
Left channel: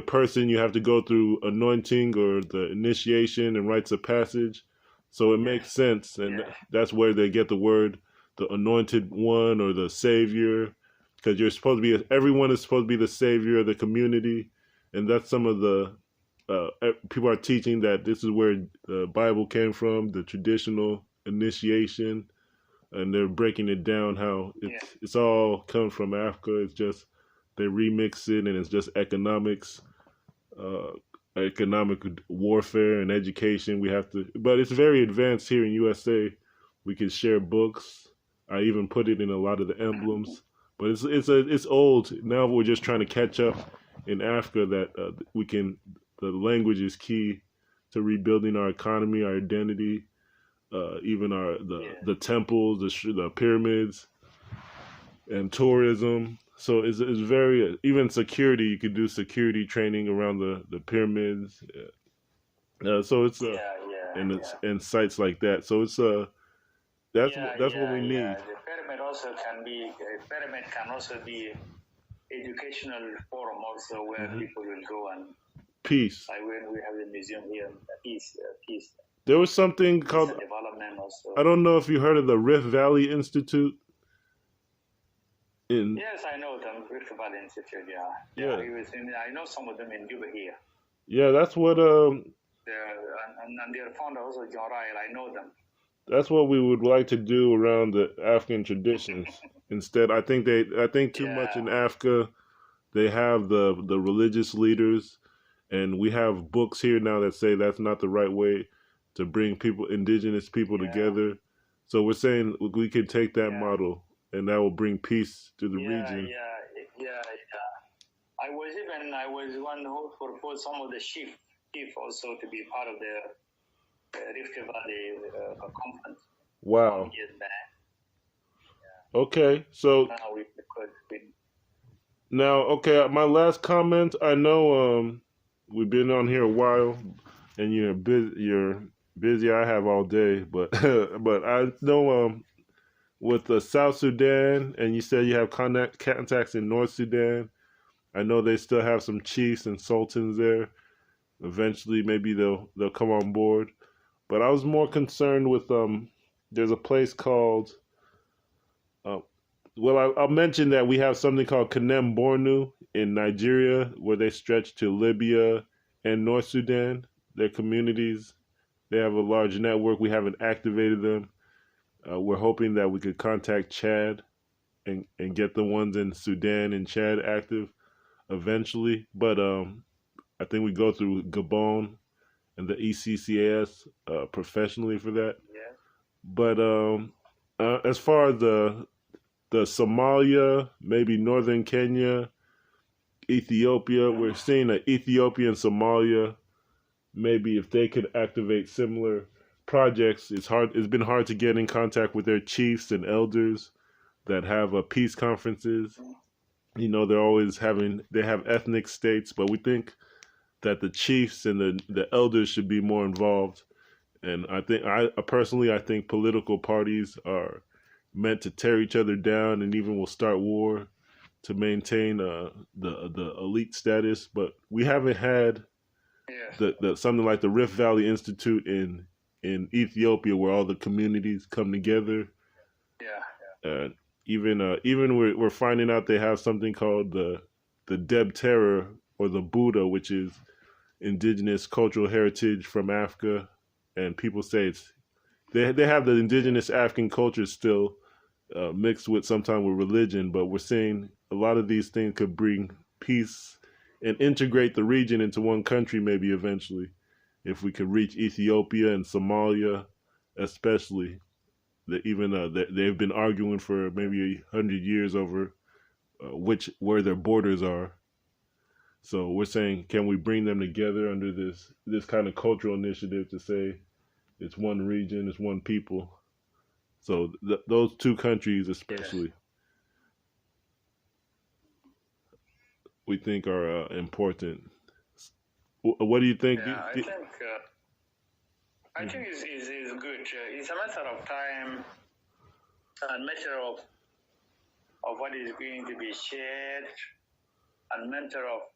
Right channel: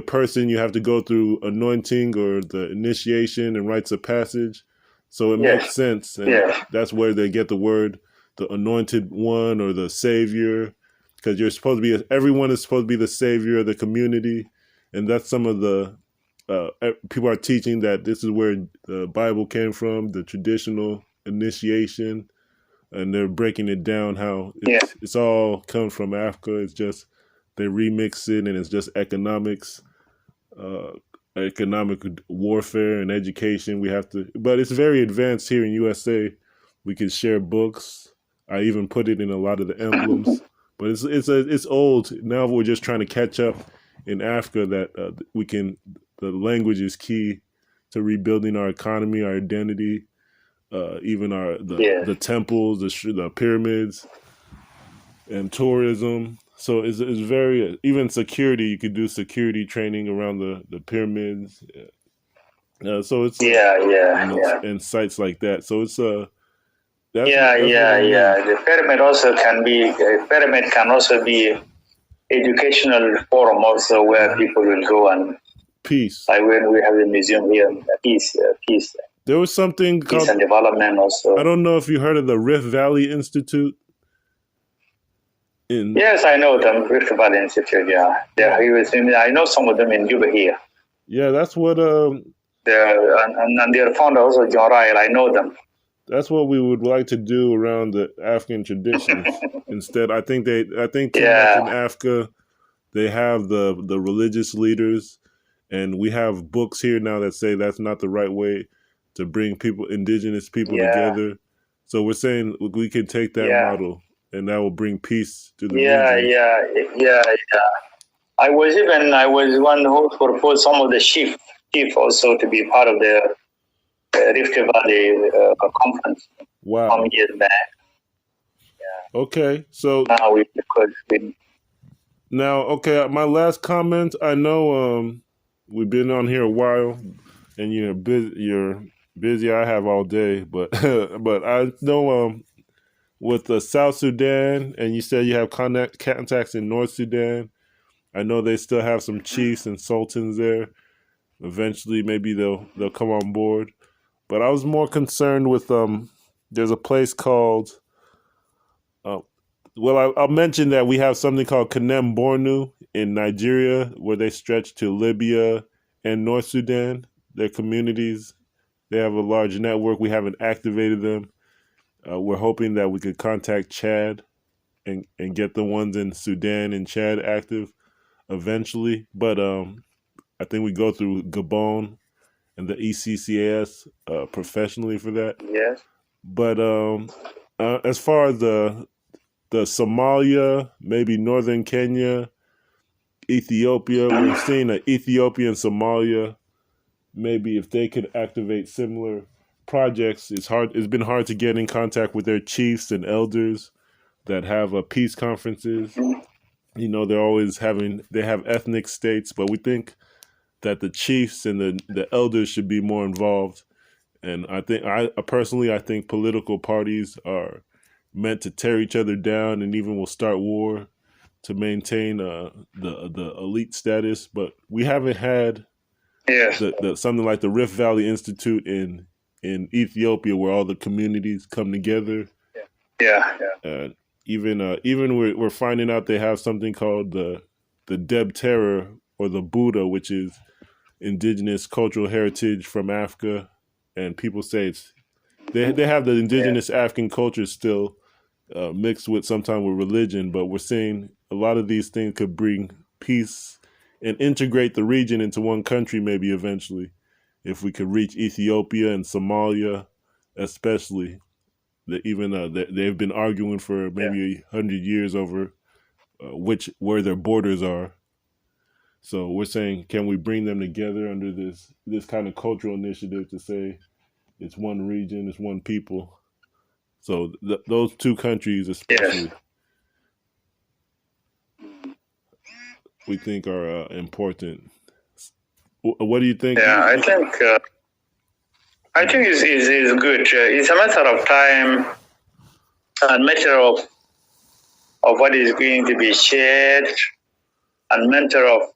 person, you have to go through anointing or the initiation and rites of passage. So it makes sense, and that's where they get the word, the anointed one or the savior, because you're supposed to be. Everyone is supposed to be the savior of the community, and that's some of the people are teaching that this is where the Bible came from, the traditional initiation. And they're breaking it down how it's all comes from Africa. It's just they remix it and it's just economics, economic warfare and education. We have to, but it's very advanced here in USA. We can share books. I even put it in a lot of the emblems, but it's old. Now we're just trying to catch up in Africa that we can. The language is key to rebuilding our economy, our identity, even the temples, the pyramids, and tourism. So it's very, even security. You could do security training around the pyramids. So it's and sites like that. So it's that's The pyramid also can be. Pyramid can also be educational forum also where people will go and peace. Like when we have the museum here, peace. There was something peace called and development also. I don't know if you heard of the Rift Valley Institute. Yes, I know them. Rift Valley Institute. I know some of them in Juba here. Yeah, that's what. And their founder also Choar. I know them. That's what we would like to do around the African traditions. Instead, I think too much in Africa. They have the religious leaders, and we have books here now that say that's not the right way to bring indigenous people together. So we're saying we can take that model, and that will bring peace to the region. I was one who proposed some of the chief also to be part of the Rift Valley conference. Wow. Some years back. Okay, so now my last comment. I know we've been on here a while, and you're busy. I have all day, but but I know with South Sudan, and you said you have contacts in North Sudan. I know they still have some chiefs and sultans there. Eventually, maybe they'll come on board. But I was more concerned with there's a place called. I'll mention that we have something called Kanem Bornu in Nigeria, where they stretch to Libya and North Sudan. Their communities, they have a large network. We haven't activated them. We're hoping that we could contact Chad and get the ones in Sudan and Chad active eventually. But I think we go through Gabon and the ECCAS professionally for that. Yes. But as far as the Somalia, maybe northern Kenya, Ethiopia, we're seeing that Ethiopia and Somalia, maybe if they could activate similar projects, it's been hard to get in contact with their chiefs and elders that have peace conferences. You know, they have ethnic states, but we think that the chiefs and the elders should be more involved. And I think political parties are meant to tear each other down and even will start war to maintain the elite status. But we haven't had something like the Rift Valley Institute in Ethiopia, where all the communities come together. Even we're finding out they have something called the Deb Terror, or the Buddha, which is indigenous cultural heritage from Africa, and people say they have the indigenous African culture still mixed with sometimes with religion, but we're seeing a lot of these things could bring peace and integrate the region into one country maybe eventually, if we could reach Ethiopia and Somalia especially. They've been arguing for maybe 100 years over where their borders are. So we're saying, can we bring them together under this kind of cultural initiative to say it's one region, it's one people. So those two countries especially, we think are important. What do you think? Yeah, I think it's good. It's a matter of time and matter of what is going to be shared, and matter of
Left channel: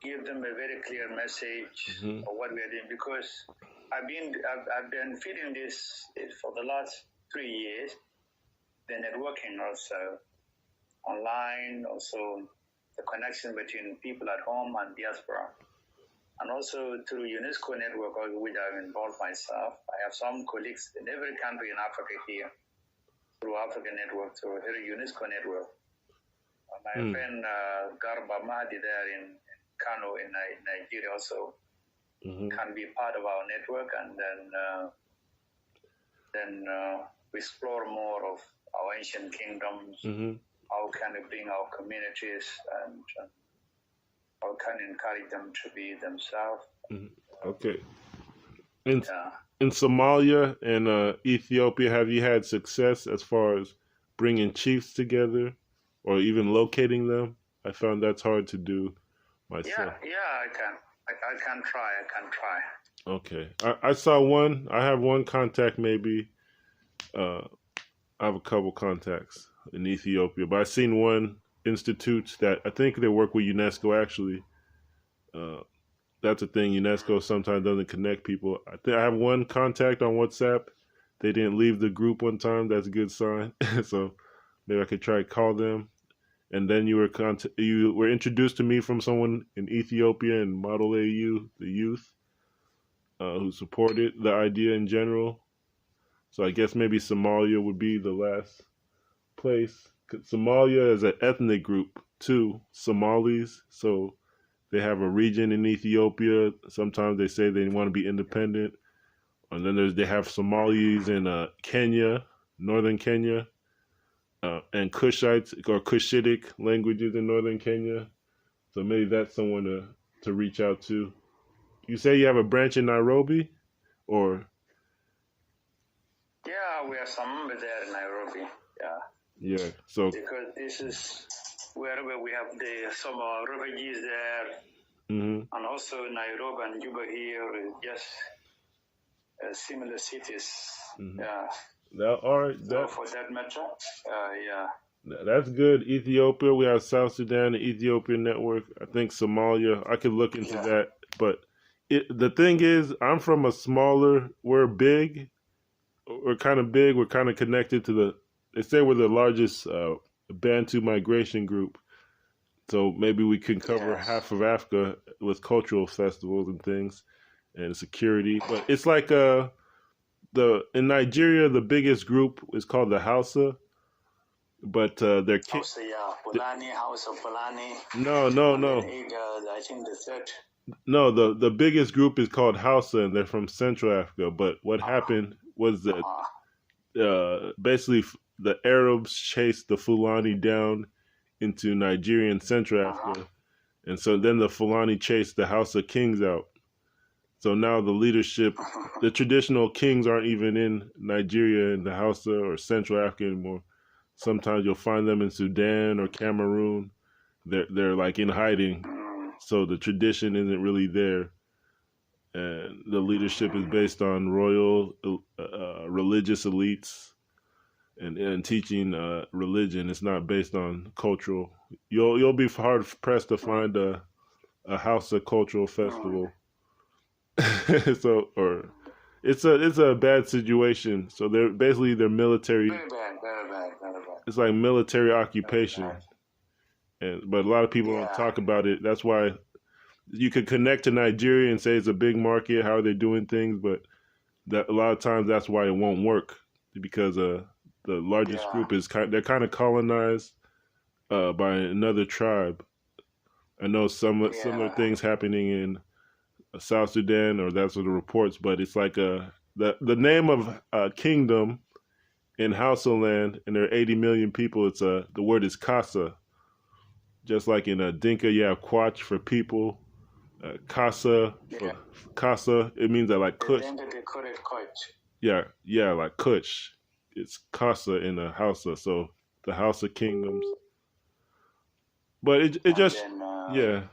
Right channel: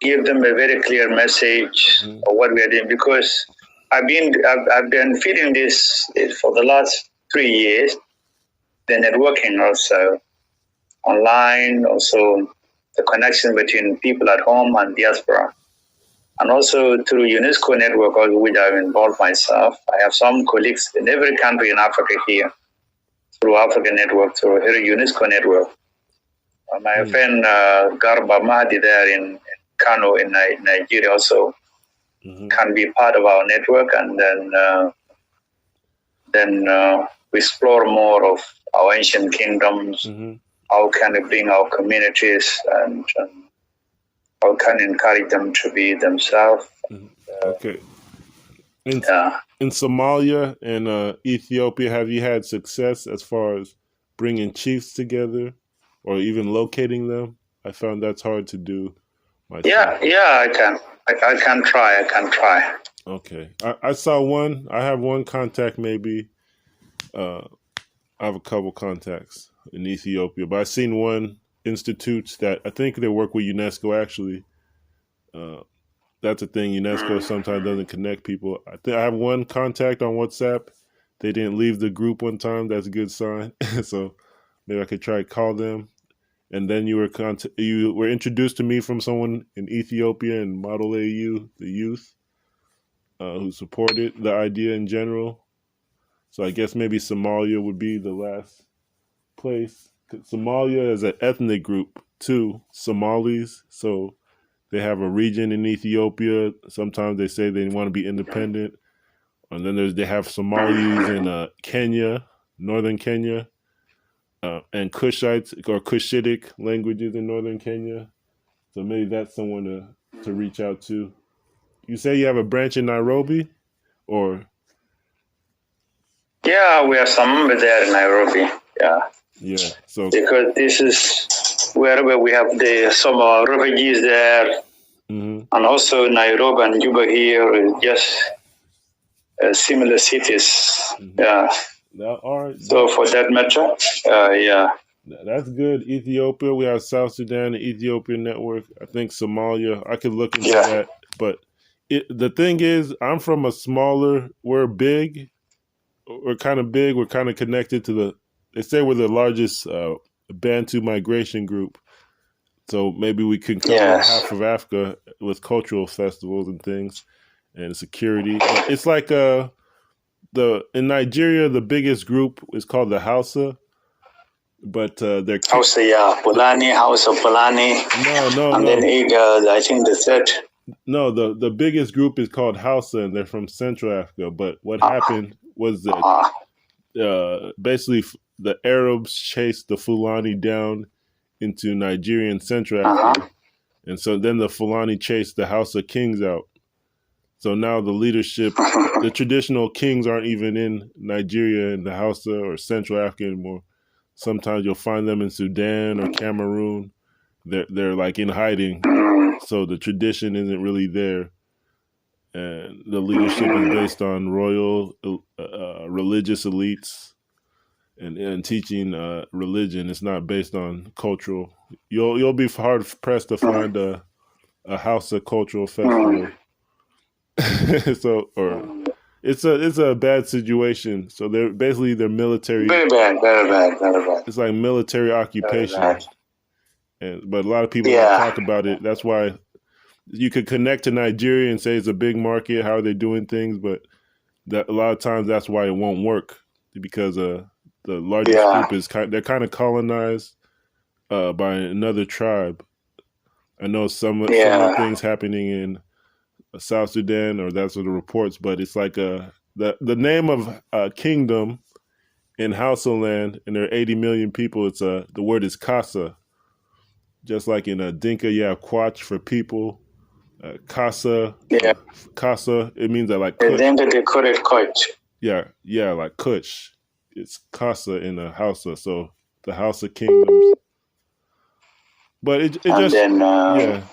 give them a very clear message of what we are doing. Because I've been feeding this for the last 3 years. The networking also online, also the connection between people at home and diaspora, and also through UNESCO network, which I've involved myself. I have some colleagues in every country in Africa here, through African network, through here UNESCO network. My friend Garba Mahdi there in Kano in Nigeria also can be part of our network, and then we explore more of our ancient kingdoms. How can we bring our communities and how can we encourage them to be themselves? Okay. In Somalia and Ethiopia, have you had success as far as bringing chiefs together or even locating them? I found that's hard to do myself. Yeah, I can try. Okay. I saw one. I have one contact maybe. I have a couple contacts in Ethiopia, but I've seen one institute that I think they work with UNESCO actually. That's a thing. UNESCO sometimes doesn't connect people. I have one contact on WhatsApp. They didn't leave the group one time. That's a good sign. So maybe I could try to call them. And then you were introduced to me from someone in Ethiopia and Maale, the youth, who supported the idea in general. So I guess maybe Somalia would be the last place. Somalia is an ethnic group too, Somalis. So they have a region in Ethiopia. Sometimes they say they want to be independent. And then they have Somalis in Kenya, northern Kenya, and Kushites or Cushitic languages in northern Kenya. So maybe that's someone to reach out to. You say you have a branch in Nairobi, or? Yeah, we have some there in Nairobi. Yeah. So because this is wherever we have some refugees there, and also Nairobi and Juba here is just similar cities. All right. So for that matter, that's good. Ethiopia, we have South Sudan, the Ethiopian network. I think Somalia. I could look into that. But the thing is, I'm from a smaller. We're big. We're kind of big. We're kind of connected to they say we're the largest Bantu migration group. So maybe we can cover half of Africa with cultural festivals and things and security. It's like in Nigeria, the biggest group is called the Hausa. But they're Hausa, Fulani, Hausa, Fulani. No. And then I think the third. No, the biggest group is called Hausa, and they're from Central Africa. But what happened was that basically the Arabs chased the Fulani down into Nigeria and Central Africa. And so then the Fulani chased the Hausa kings out. So now the leadership, the traditional kings aren't even in Nigeria and the Hausa or Central Africa anymore. Sometimes you'll find them in Sudan or Cameroon. They're like in hiding. So the tradition isn't really there. And the leadership is based on royal religious elites and teaching religion. It's not based on cultural. You'll be hard pressed to find a Hausa cultural festival. It's a bad situation. So they're military. Very bad. It's like military occupation. But a lot of people don't talk about it. That's why you could connect to Nigeria and say it's a big market. How are they doing things? But a lot of times that's why it won't work, because the largest group is they're kind of colonized by another tribe. I know some things happening in South Sudan, or that's what the reports. But it's like the name of kingdom in Hausa land, and there are 80 million people. It's the word is Kasa. Just like in Dinka, you have Kwach for people. Kasa, Kasa, it means that like Kush. Dinka, they call it Kush. Yeah, like Kush. It's Kasa in the Hausa, so the Hausa kingdoms. But it just, they're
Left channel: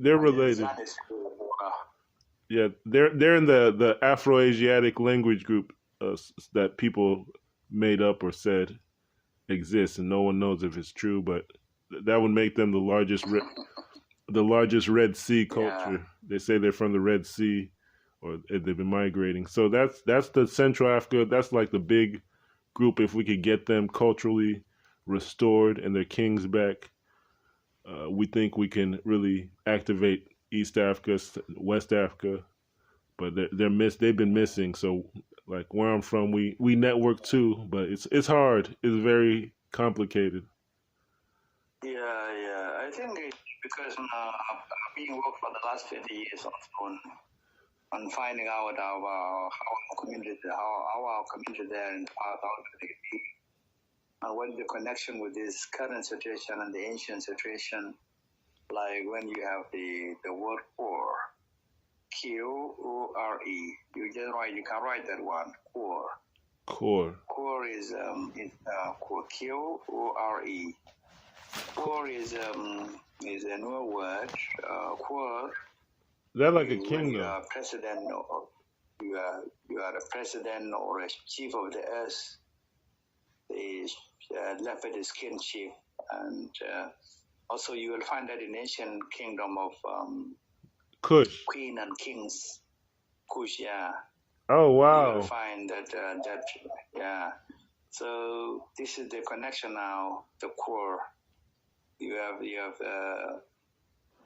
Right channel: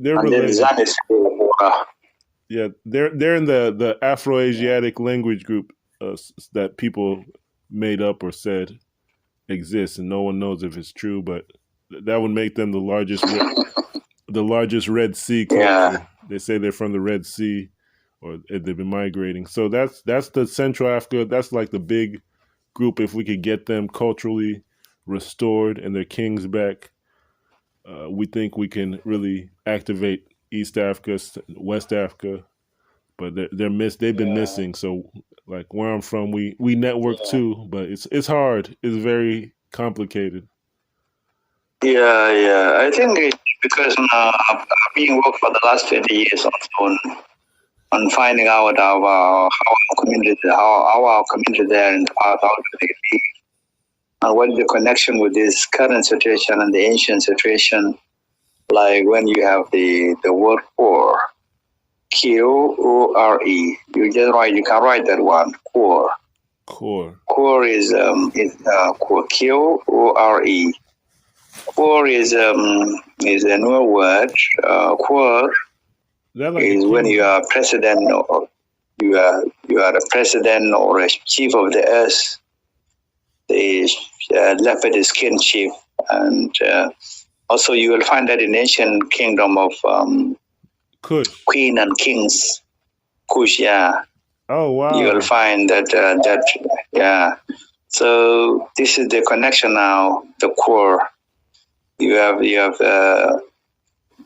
related. They're in the Afro-Asiatic language group that people made up or said exists, and no one knows if it's true, but that would make them the largest Red Sea culture. Yeah. They say they're from the Red Sea, or they've been migrating. So that's the Central Africa. That's like the big group. If we could get them culturally restored and their kings back, we think we can really activate East Africa, West Africa. But they've been missing. So like where I'm from, we network too, but it's hard. It's very complicated. Yeah. I think it's because I've been working for the last 20 years on finding out how our community there in the past, how do they live, and what is the connection with this current situation and the ancient situation. Like when you have the word Qore, Qore, you can write that one, Qore. Qore is Qore, Qore. Qore is a new word. Qore is when you are president, or you are a president or a chief of the earth, the leopard skin chief, and also you will find that in ancient kingdom of Kush. Queen and kings, Kush, yeah. Oh wow! You will find that. So this is the connection now. The Qore. You have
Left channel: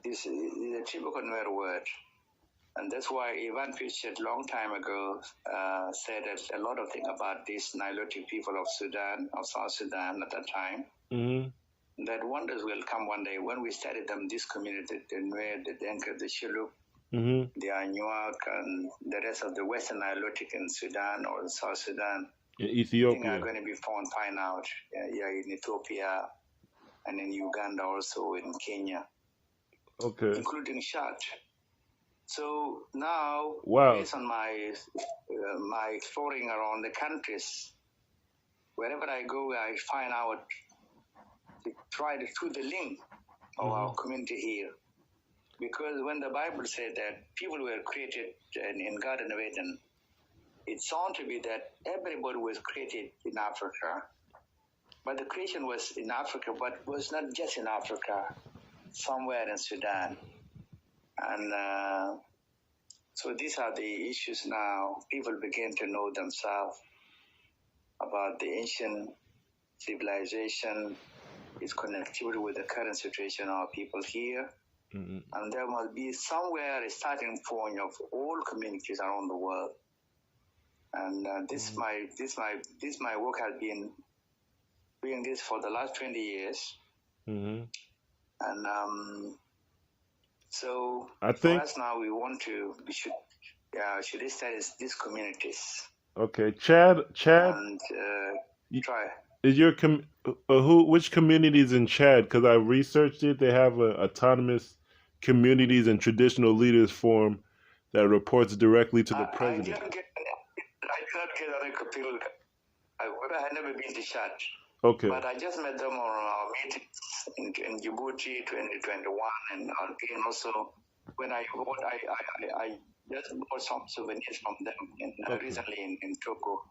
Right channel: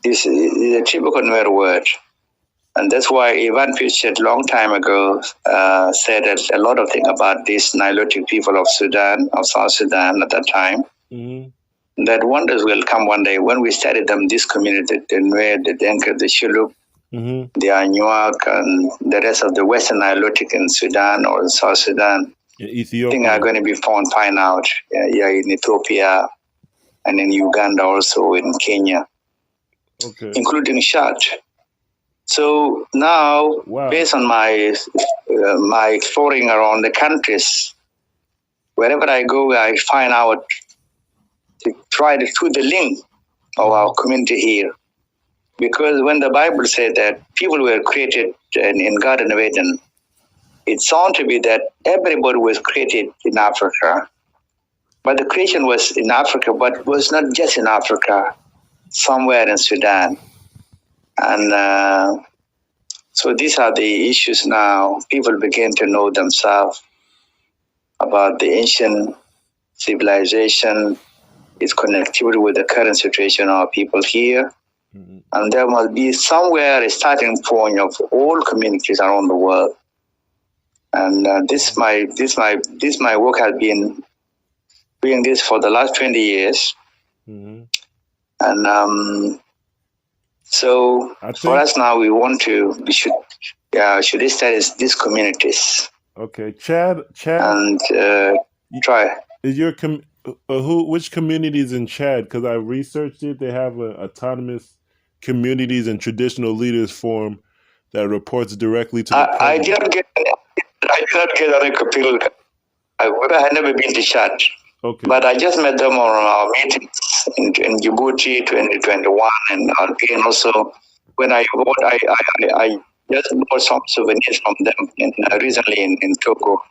this is a typical Nuer word, and that's why Ivan Pichet long time ago said a lot of things about these Nilotic people of South Sudan at that time. Mm-hmm. That wonders will come one day when we study them. This community, the Nuer, the Deng, the Shilluk, mm-hmm. the UNIAACL, and the rest of the Western Nilotic in Sudan or in South Sudan, in Ethiopia, I think are going to be find out. In Ethiopia. And in Uganda, also in Kenya, including Chad. So now, based on my exploring around the countries, wherever I go, I find out to try to do the link of our community here. Because when the Bible said that people were created in Garden of Eden, it sounds to be that everybody was created in Africa. But the creation was in Africa, but was not just in Africa, somewhere in Sudan. And so these are the issues now. People begin to know themselves about the ancient civilization, its connectivity with the current situation of our people here. Mm-hmm. And there must be somewhere a starting point of all communities around the world. And this my work has been doing this for the last 20 years. Mm-hmm. And so for us now, we should study these communities. Okay, Chad, and try. Is your which communities in Chad? Because I researched it. They have an autonomous communities and traditional leaders forum that reports directly to the president. I did not get any appeal. I had never been to Chad. Okay. But I just met them on our meetings in Djibouti 2021, and again also when I just bought some souvenirs from them recently in Togo.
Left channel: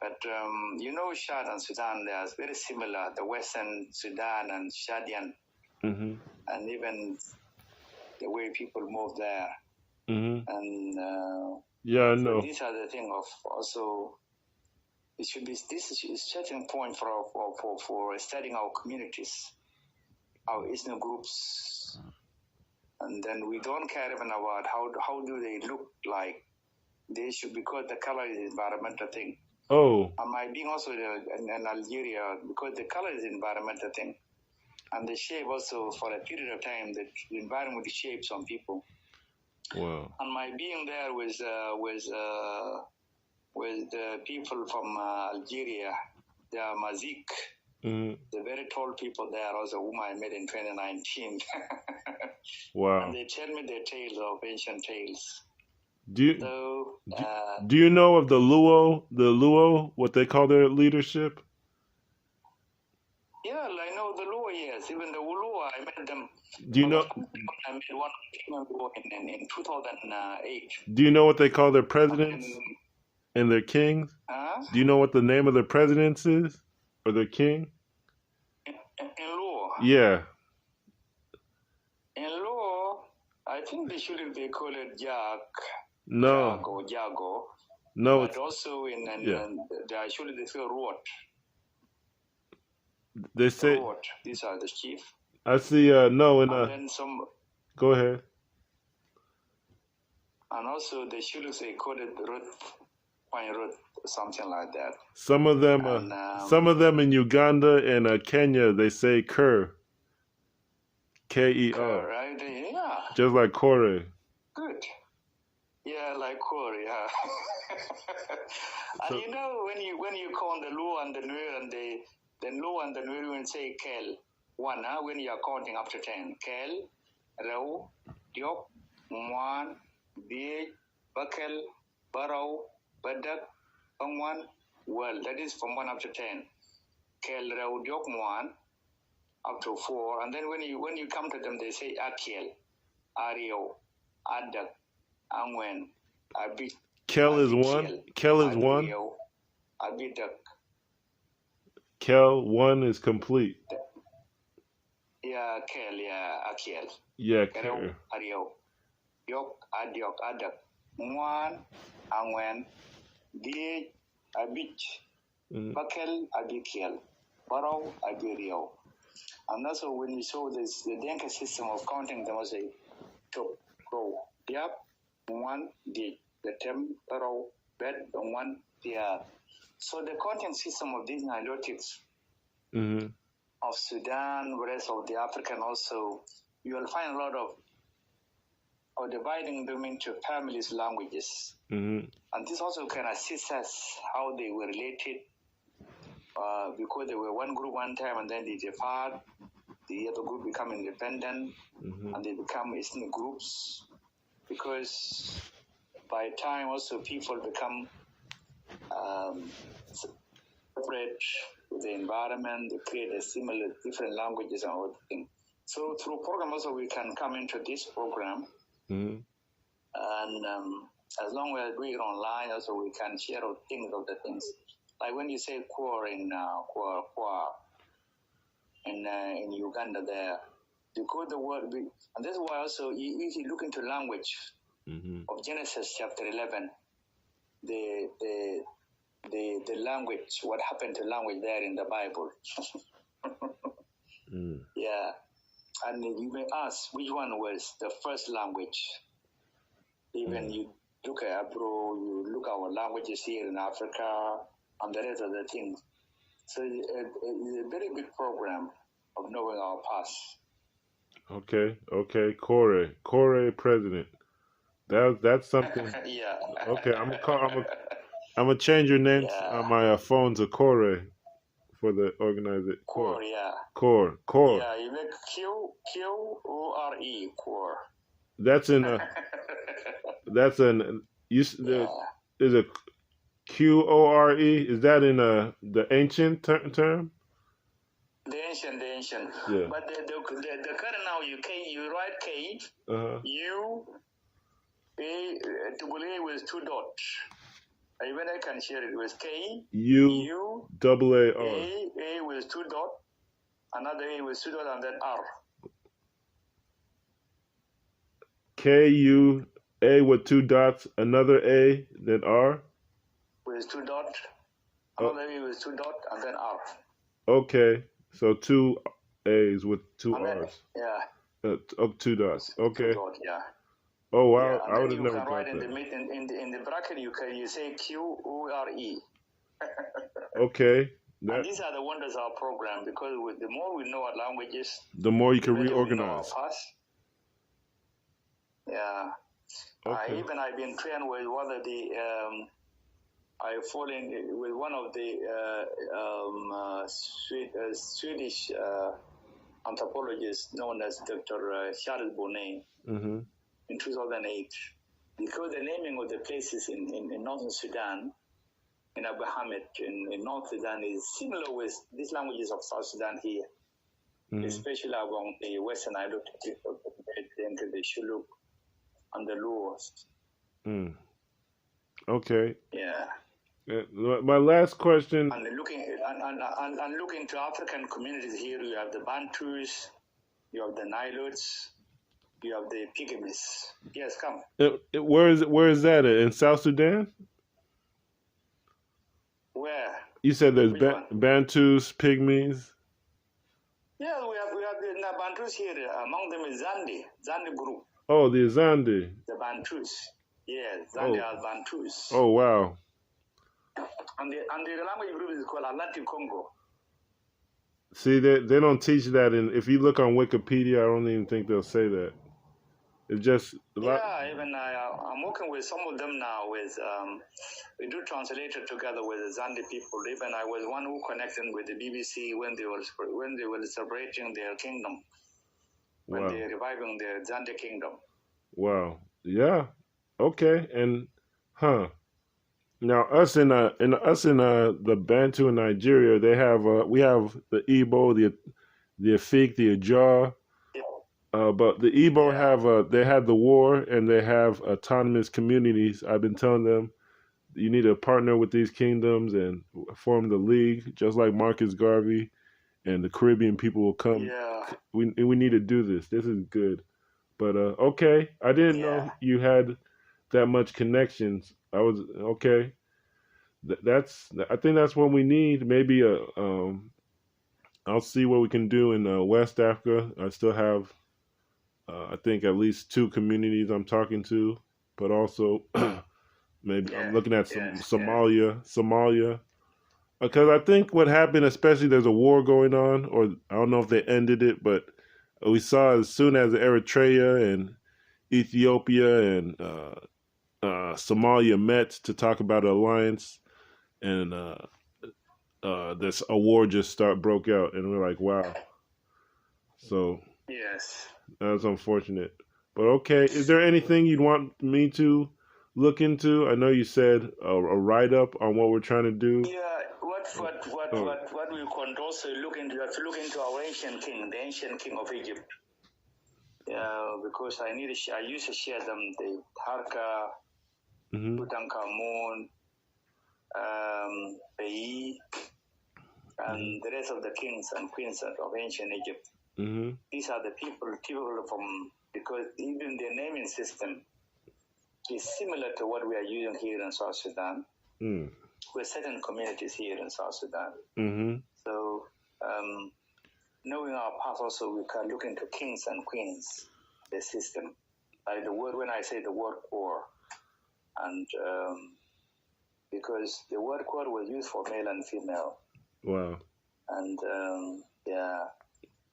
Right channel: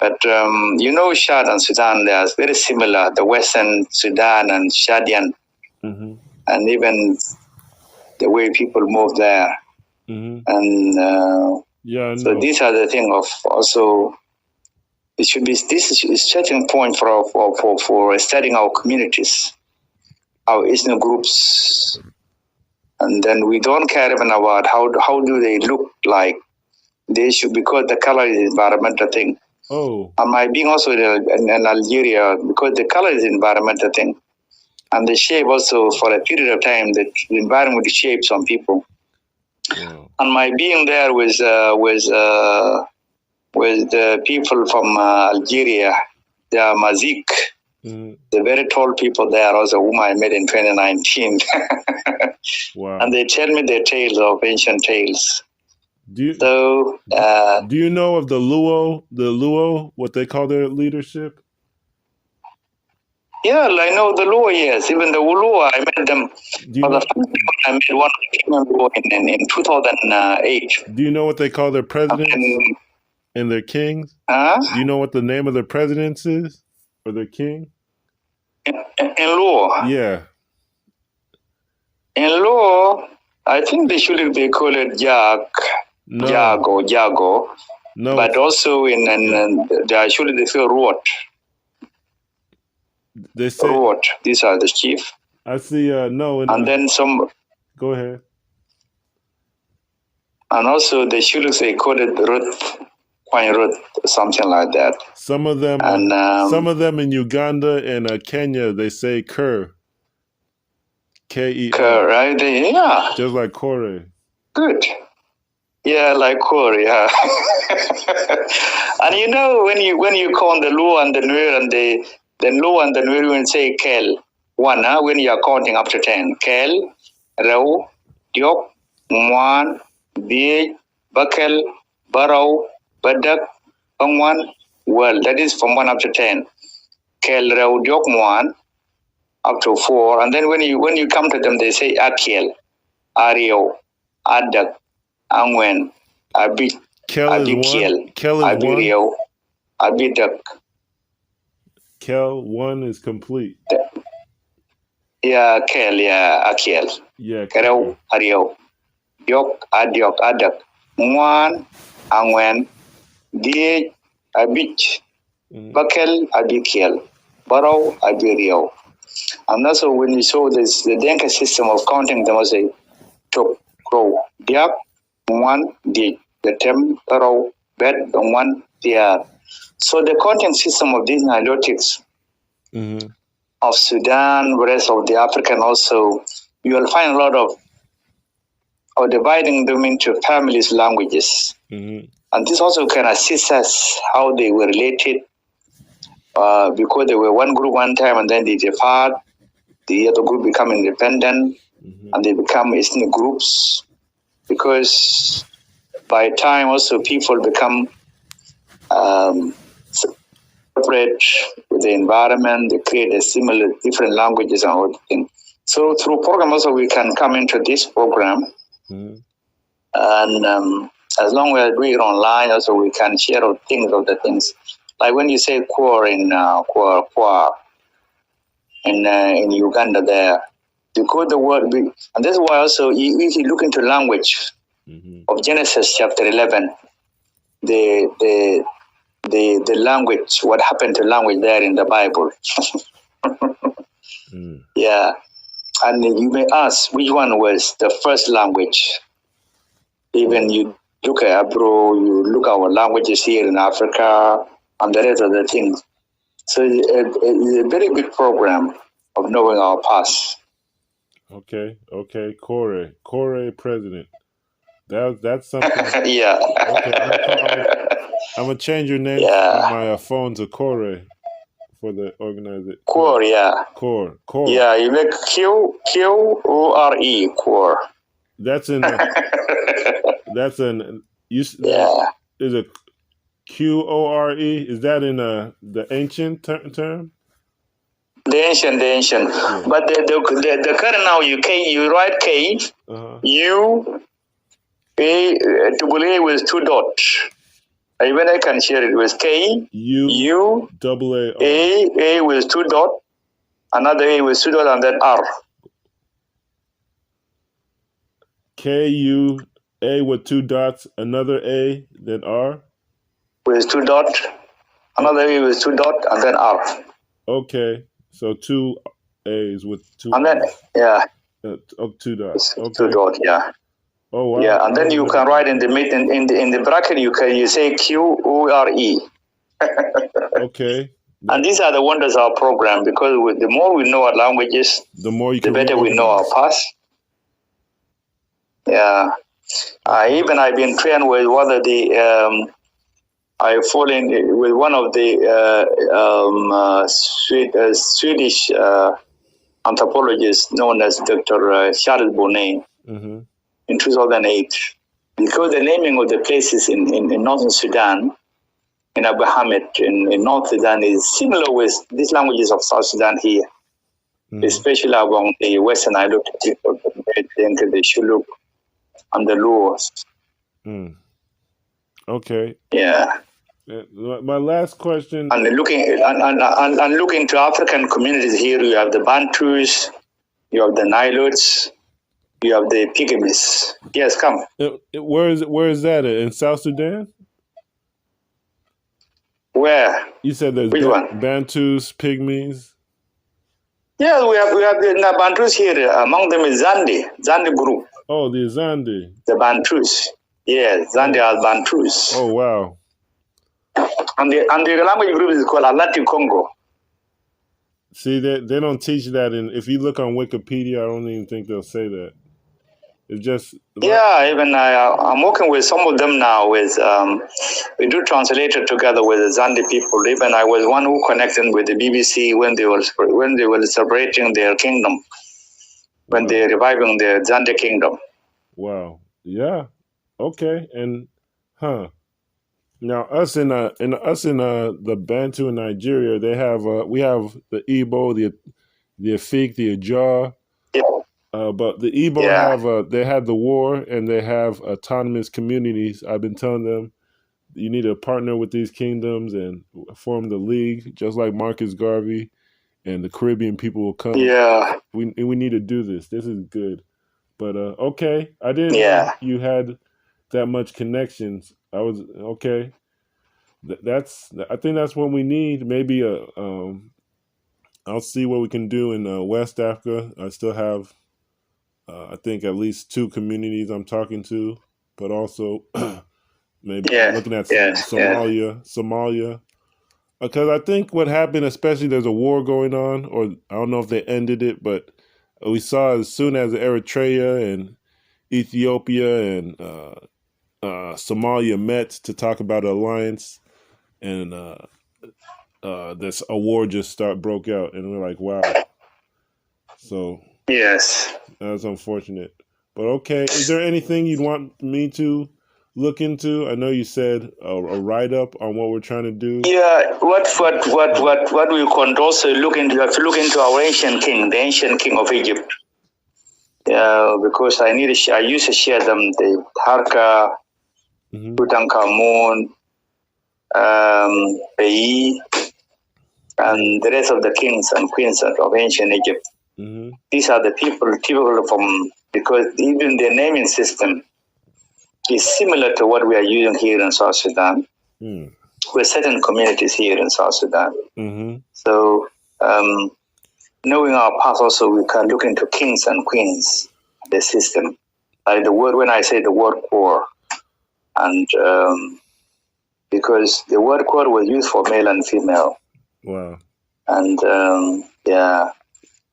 But Chad and Sudan, they are very similar. The Western Sudan and Chadian, mm-hmm. and even the way people move there, mm-hmm. and so these are the thing of also. It should be this is starting point for studying our communities, our ethnic groups, and then we don't care even about how do they look like. They should, because the color is environmental thing. Oh, and my being also in Algeria, because the color is environmental thing, and the shape also for a period of time the environment shapes some people. Wow. And my being there with the people from Algeria, they are Mazik, the very tall people there, also whom I met in 2019. Wow! And they tell me their tales of ancient tales. Do you know of the Luo, what they call their leadership? Yeah, I know the Luo. Yes, even the Luo, I met them. I met one of them in 2008. Do you know what they call their presidents? And their kings? Do you know what the name of their presidents is? Or their king? In Luo? Yeah. In Luo, I think they call it Jago. No. But also they say Ruot. They say Ruot. These are the chief. I see, then some... Go ahead. And also they call it Ruth. Something like that. Some of them in Uganda and Kenya, they say Qore. K-E-R. Right? Yeah. Just like Qore. Good. Yeah, like Qore, yeah. And you know, when you count the Lu and the Nuer and the Lu and the Nuer, when say Kel, one, when you are counting up to 10. Kel, Rau, Diok, Mwan, Bie, Bakel, Barau, Badak, Pangwan. Well, that is from 1 up to 10. Kel, Rau, Diok, Mwan, up to 4. And then when you come to them, they say Akiel, Ario, Adak, Angwen, Abi, Kel is Abikiel, one. Kel is Abirio, one. Abidak. Kel, one is complete. Yeah, Kel, yeah, Akiel. Yeah. Kereu, Ario, Diok, Adiok, Adak, Mwan, Angwen, Die, Abich, Bakel, Abikiel, Barrow, Abirio. And also when you saw this, the Denka system of counting them was a Tok, Crow, Diak, One, the temporal bed, one, the so the counting system of these Nilotics of Sudan, rest of the African also, you will find a lot of dividing them into families, languages. And this also can assist us how they were related because they were one group one time and then they differed, the other group become independent and they become ethnic groups. Because by time also people become separate with the environment, they create a similar different languages and all things. So through program also we can come into this program and as long as we are online also we can share things of the things. Like when you say Qore in Qore in Uganda there, because the word, and that's why also if you look into language of Genesis chapter 11, the language, what happened to language there in the Bible. Yeah, and you may ask which one was the first language. Even you look at Hebrew, you look at our languages here in Africa, and the rest of the things. So it's a very big program of knowing our past. Okay. Qore president. That's something. Yeah. Okay, I'm gonna change your name on my phone to Qore for the organizer. Qore, yeah. Qore. Yeah, you make Qore, Qore. That's in. That's an. Is it Qore? Is that in the ancient term? The ancient. Yeah. But the current now you write K, U, A, double A with 2 dots. Even I can share it with K, U, double A with 2 dots, another A with 2 dots, and then R. K, U, A with 2 dots, another A, then R? With 2 dots, another A with 2 dots, and then R. Okay, so 2 A's with 2 and then, R's. 2 dots. Okay. 2 dots, yeah. Oh wow! Yeah, and then you can write in the bracket. You say Qore. Okay. And these are the wonders of our program because the more we know our languages, the better we know our past. Yeah. Even I've been trained with one of the. I fall in with one of the Swedish anthropologists known as Dr. Charles Bonnet. In 2008, because the naming of the places in northern Sudan, in Abu Hamid, in North Sudan, is similar with these languages of South Sudan here, especially along the western Nilotic people, the Shuluk and the Luos. Okay. Yeah. My last question. And looking to African communities here, you have the Bantus, you have the Nilotes. You have the Pyramids. Yes, come. Where is that in South Sudan? Where? You said there's Bantus, Pygmies. Yeah, we have the Bantus here. Among them is Zandi group. Oh, the Zandi. The Bantus. Yes, Zandi are Bantus. Oh wow. And the language group is called Atlantic Congo. See, they don't teach that, and if you look on Wikipedia, I don't even think they'll say that. It's just even I'm working with some of them now. With we do translate it together with the Zandi people. Even I was one who connected with the BBC when they were celebrating their kingdom, when they're reviving the Zandi kingdom. Wow. Yeah. Okay. And now us in the Bantu in Nigeria, they have we have the Igbo, the Afik, the Ajah. But the Igbo have they have the war, and they have autonomous communities. I've been telling them you need to partner with these kingdoms and form the league, just like Marcus Garvey and the Caribbean people will come. Yeah, we need to do this. This is good. But okay, I didn't know you had that much connections. I was okay. I think that's what we need. Maybe I'll see what we can do in West Africa. I still have I think at least 2 communities I'm talking to, but also maybe I'm looking at Somalia. Because I think what happened, especially there's a war going on, or I don't know if they ended it, but we saw as soon as Eritrea and Ethiopia and Somalia met to talk about an alliance, and this a war just broke out, and we're like, wow. So yes, that's unfortunate. But okay, is there anything you'd want me to look into? I know you said a write-up on what we're trying to do. Yeah, what we can also look into, you have to look into our ancient king, the ancient king of Egypt. Yeah, because I used to share them, the Harka, Tutankhamun, Pei, and the rest of the kings and queens of ancient Egypt. These are the people from, because even their naming system is similar to what we are using here in South Sudan. With certain communities here in South Sudan. So, knowing our past also, we can look into kings and queens, the system. Like the word, when I say the word Qore, and because the word Qore was used for male and female. Wow. And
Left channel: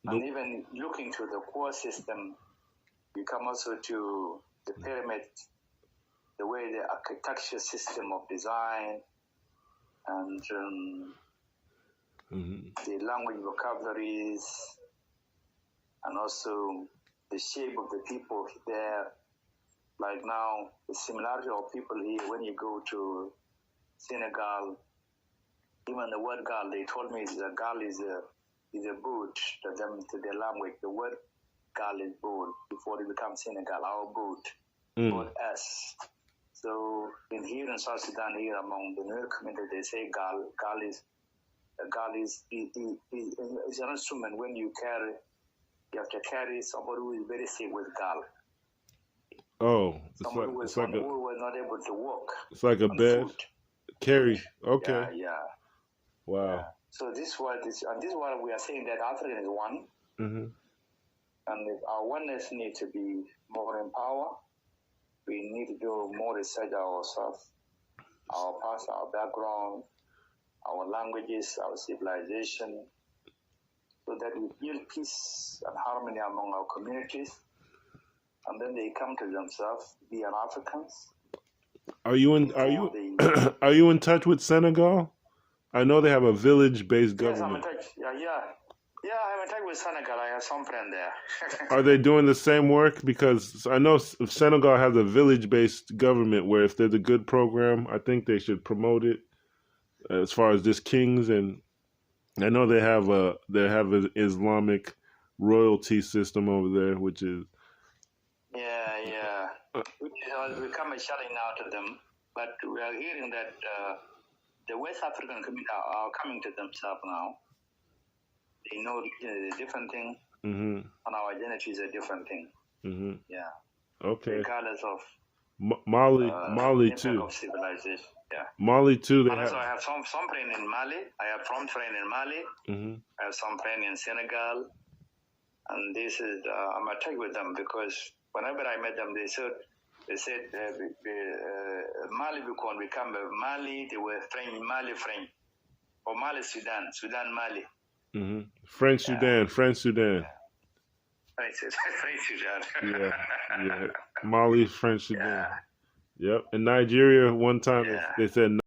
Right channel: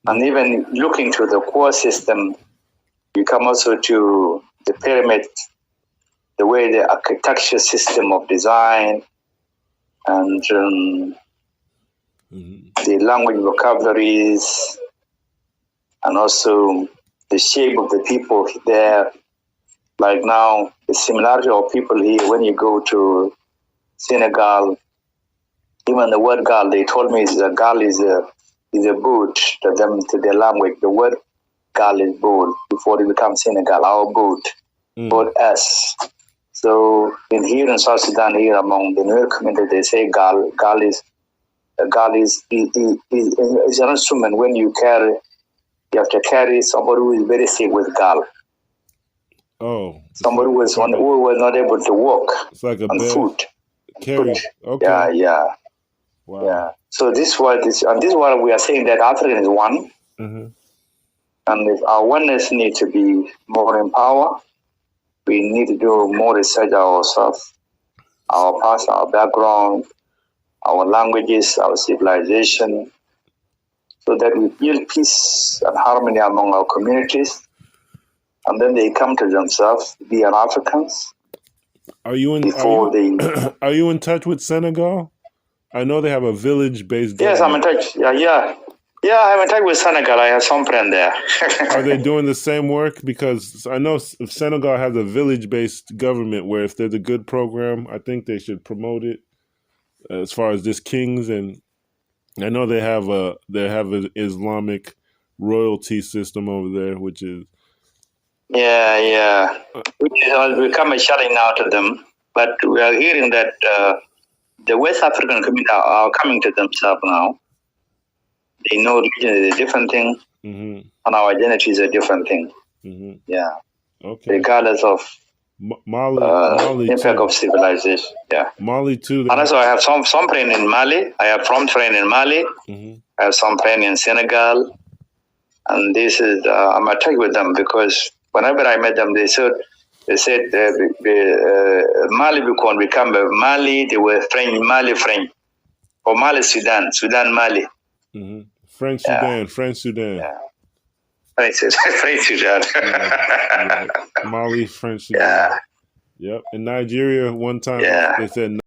and even looking to the Qore system, you come also to the pyramid, the way the architecture system of design, and the language vocabularies, and also the shape of the people there. Like now, the similarity of people here, when you go to Senegal, even the word gal, they told me gal is a boot to them, to their language. The word gal is boot before it becomes Senegal, our boot, boot S. So here in South Sudan, here among the Nuer community, they say gal. Gal is an instrument. When you have to carry somebody who is very sick with gal. Oh, somebody who was not able to walk. It's like a on bed. Foot. Carry. Okay. Yeah. Wow. Yeah. So this is what we are saying, that African is one, and if our oneness needs to be more empowered. We need to do more research ourselves, our past, our background, our languages, our civilization, so that we build peace and harmony among our communities, and then they come to themselves, be an Africans. Are you in touch with Senegal? I know they have a village-based government. Yes, I'm in touch. Yeah, I'm in touch with Senegal. I have some friend there. Are they doing the same work? Because I know Senegal has a village-based government where if there's a good program, I think they should promote it. As far as this kings, and I know they have an Islamic royalty system over there, which is which has become a challenge now to them. But we are hearing that the West African community are coming to themselves now. They know religion is a different thing, and our identity is a different thing. Yeah. Okay. Regardless of Maale impact too. of civilization. Yeah. Maale too. And also, I have some friend in Maale. I have some friend in Maale. I have some friend in Senegal, and this is I'm attached with them because whenever I met them, they said Maale become Mali. They were French, Mali French, or Mali Sudan Mali. French Sudan. French Sudan. Yeah. French Sudan. Maale, French Sudan. Yep. In Nigeria, one time they said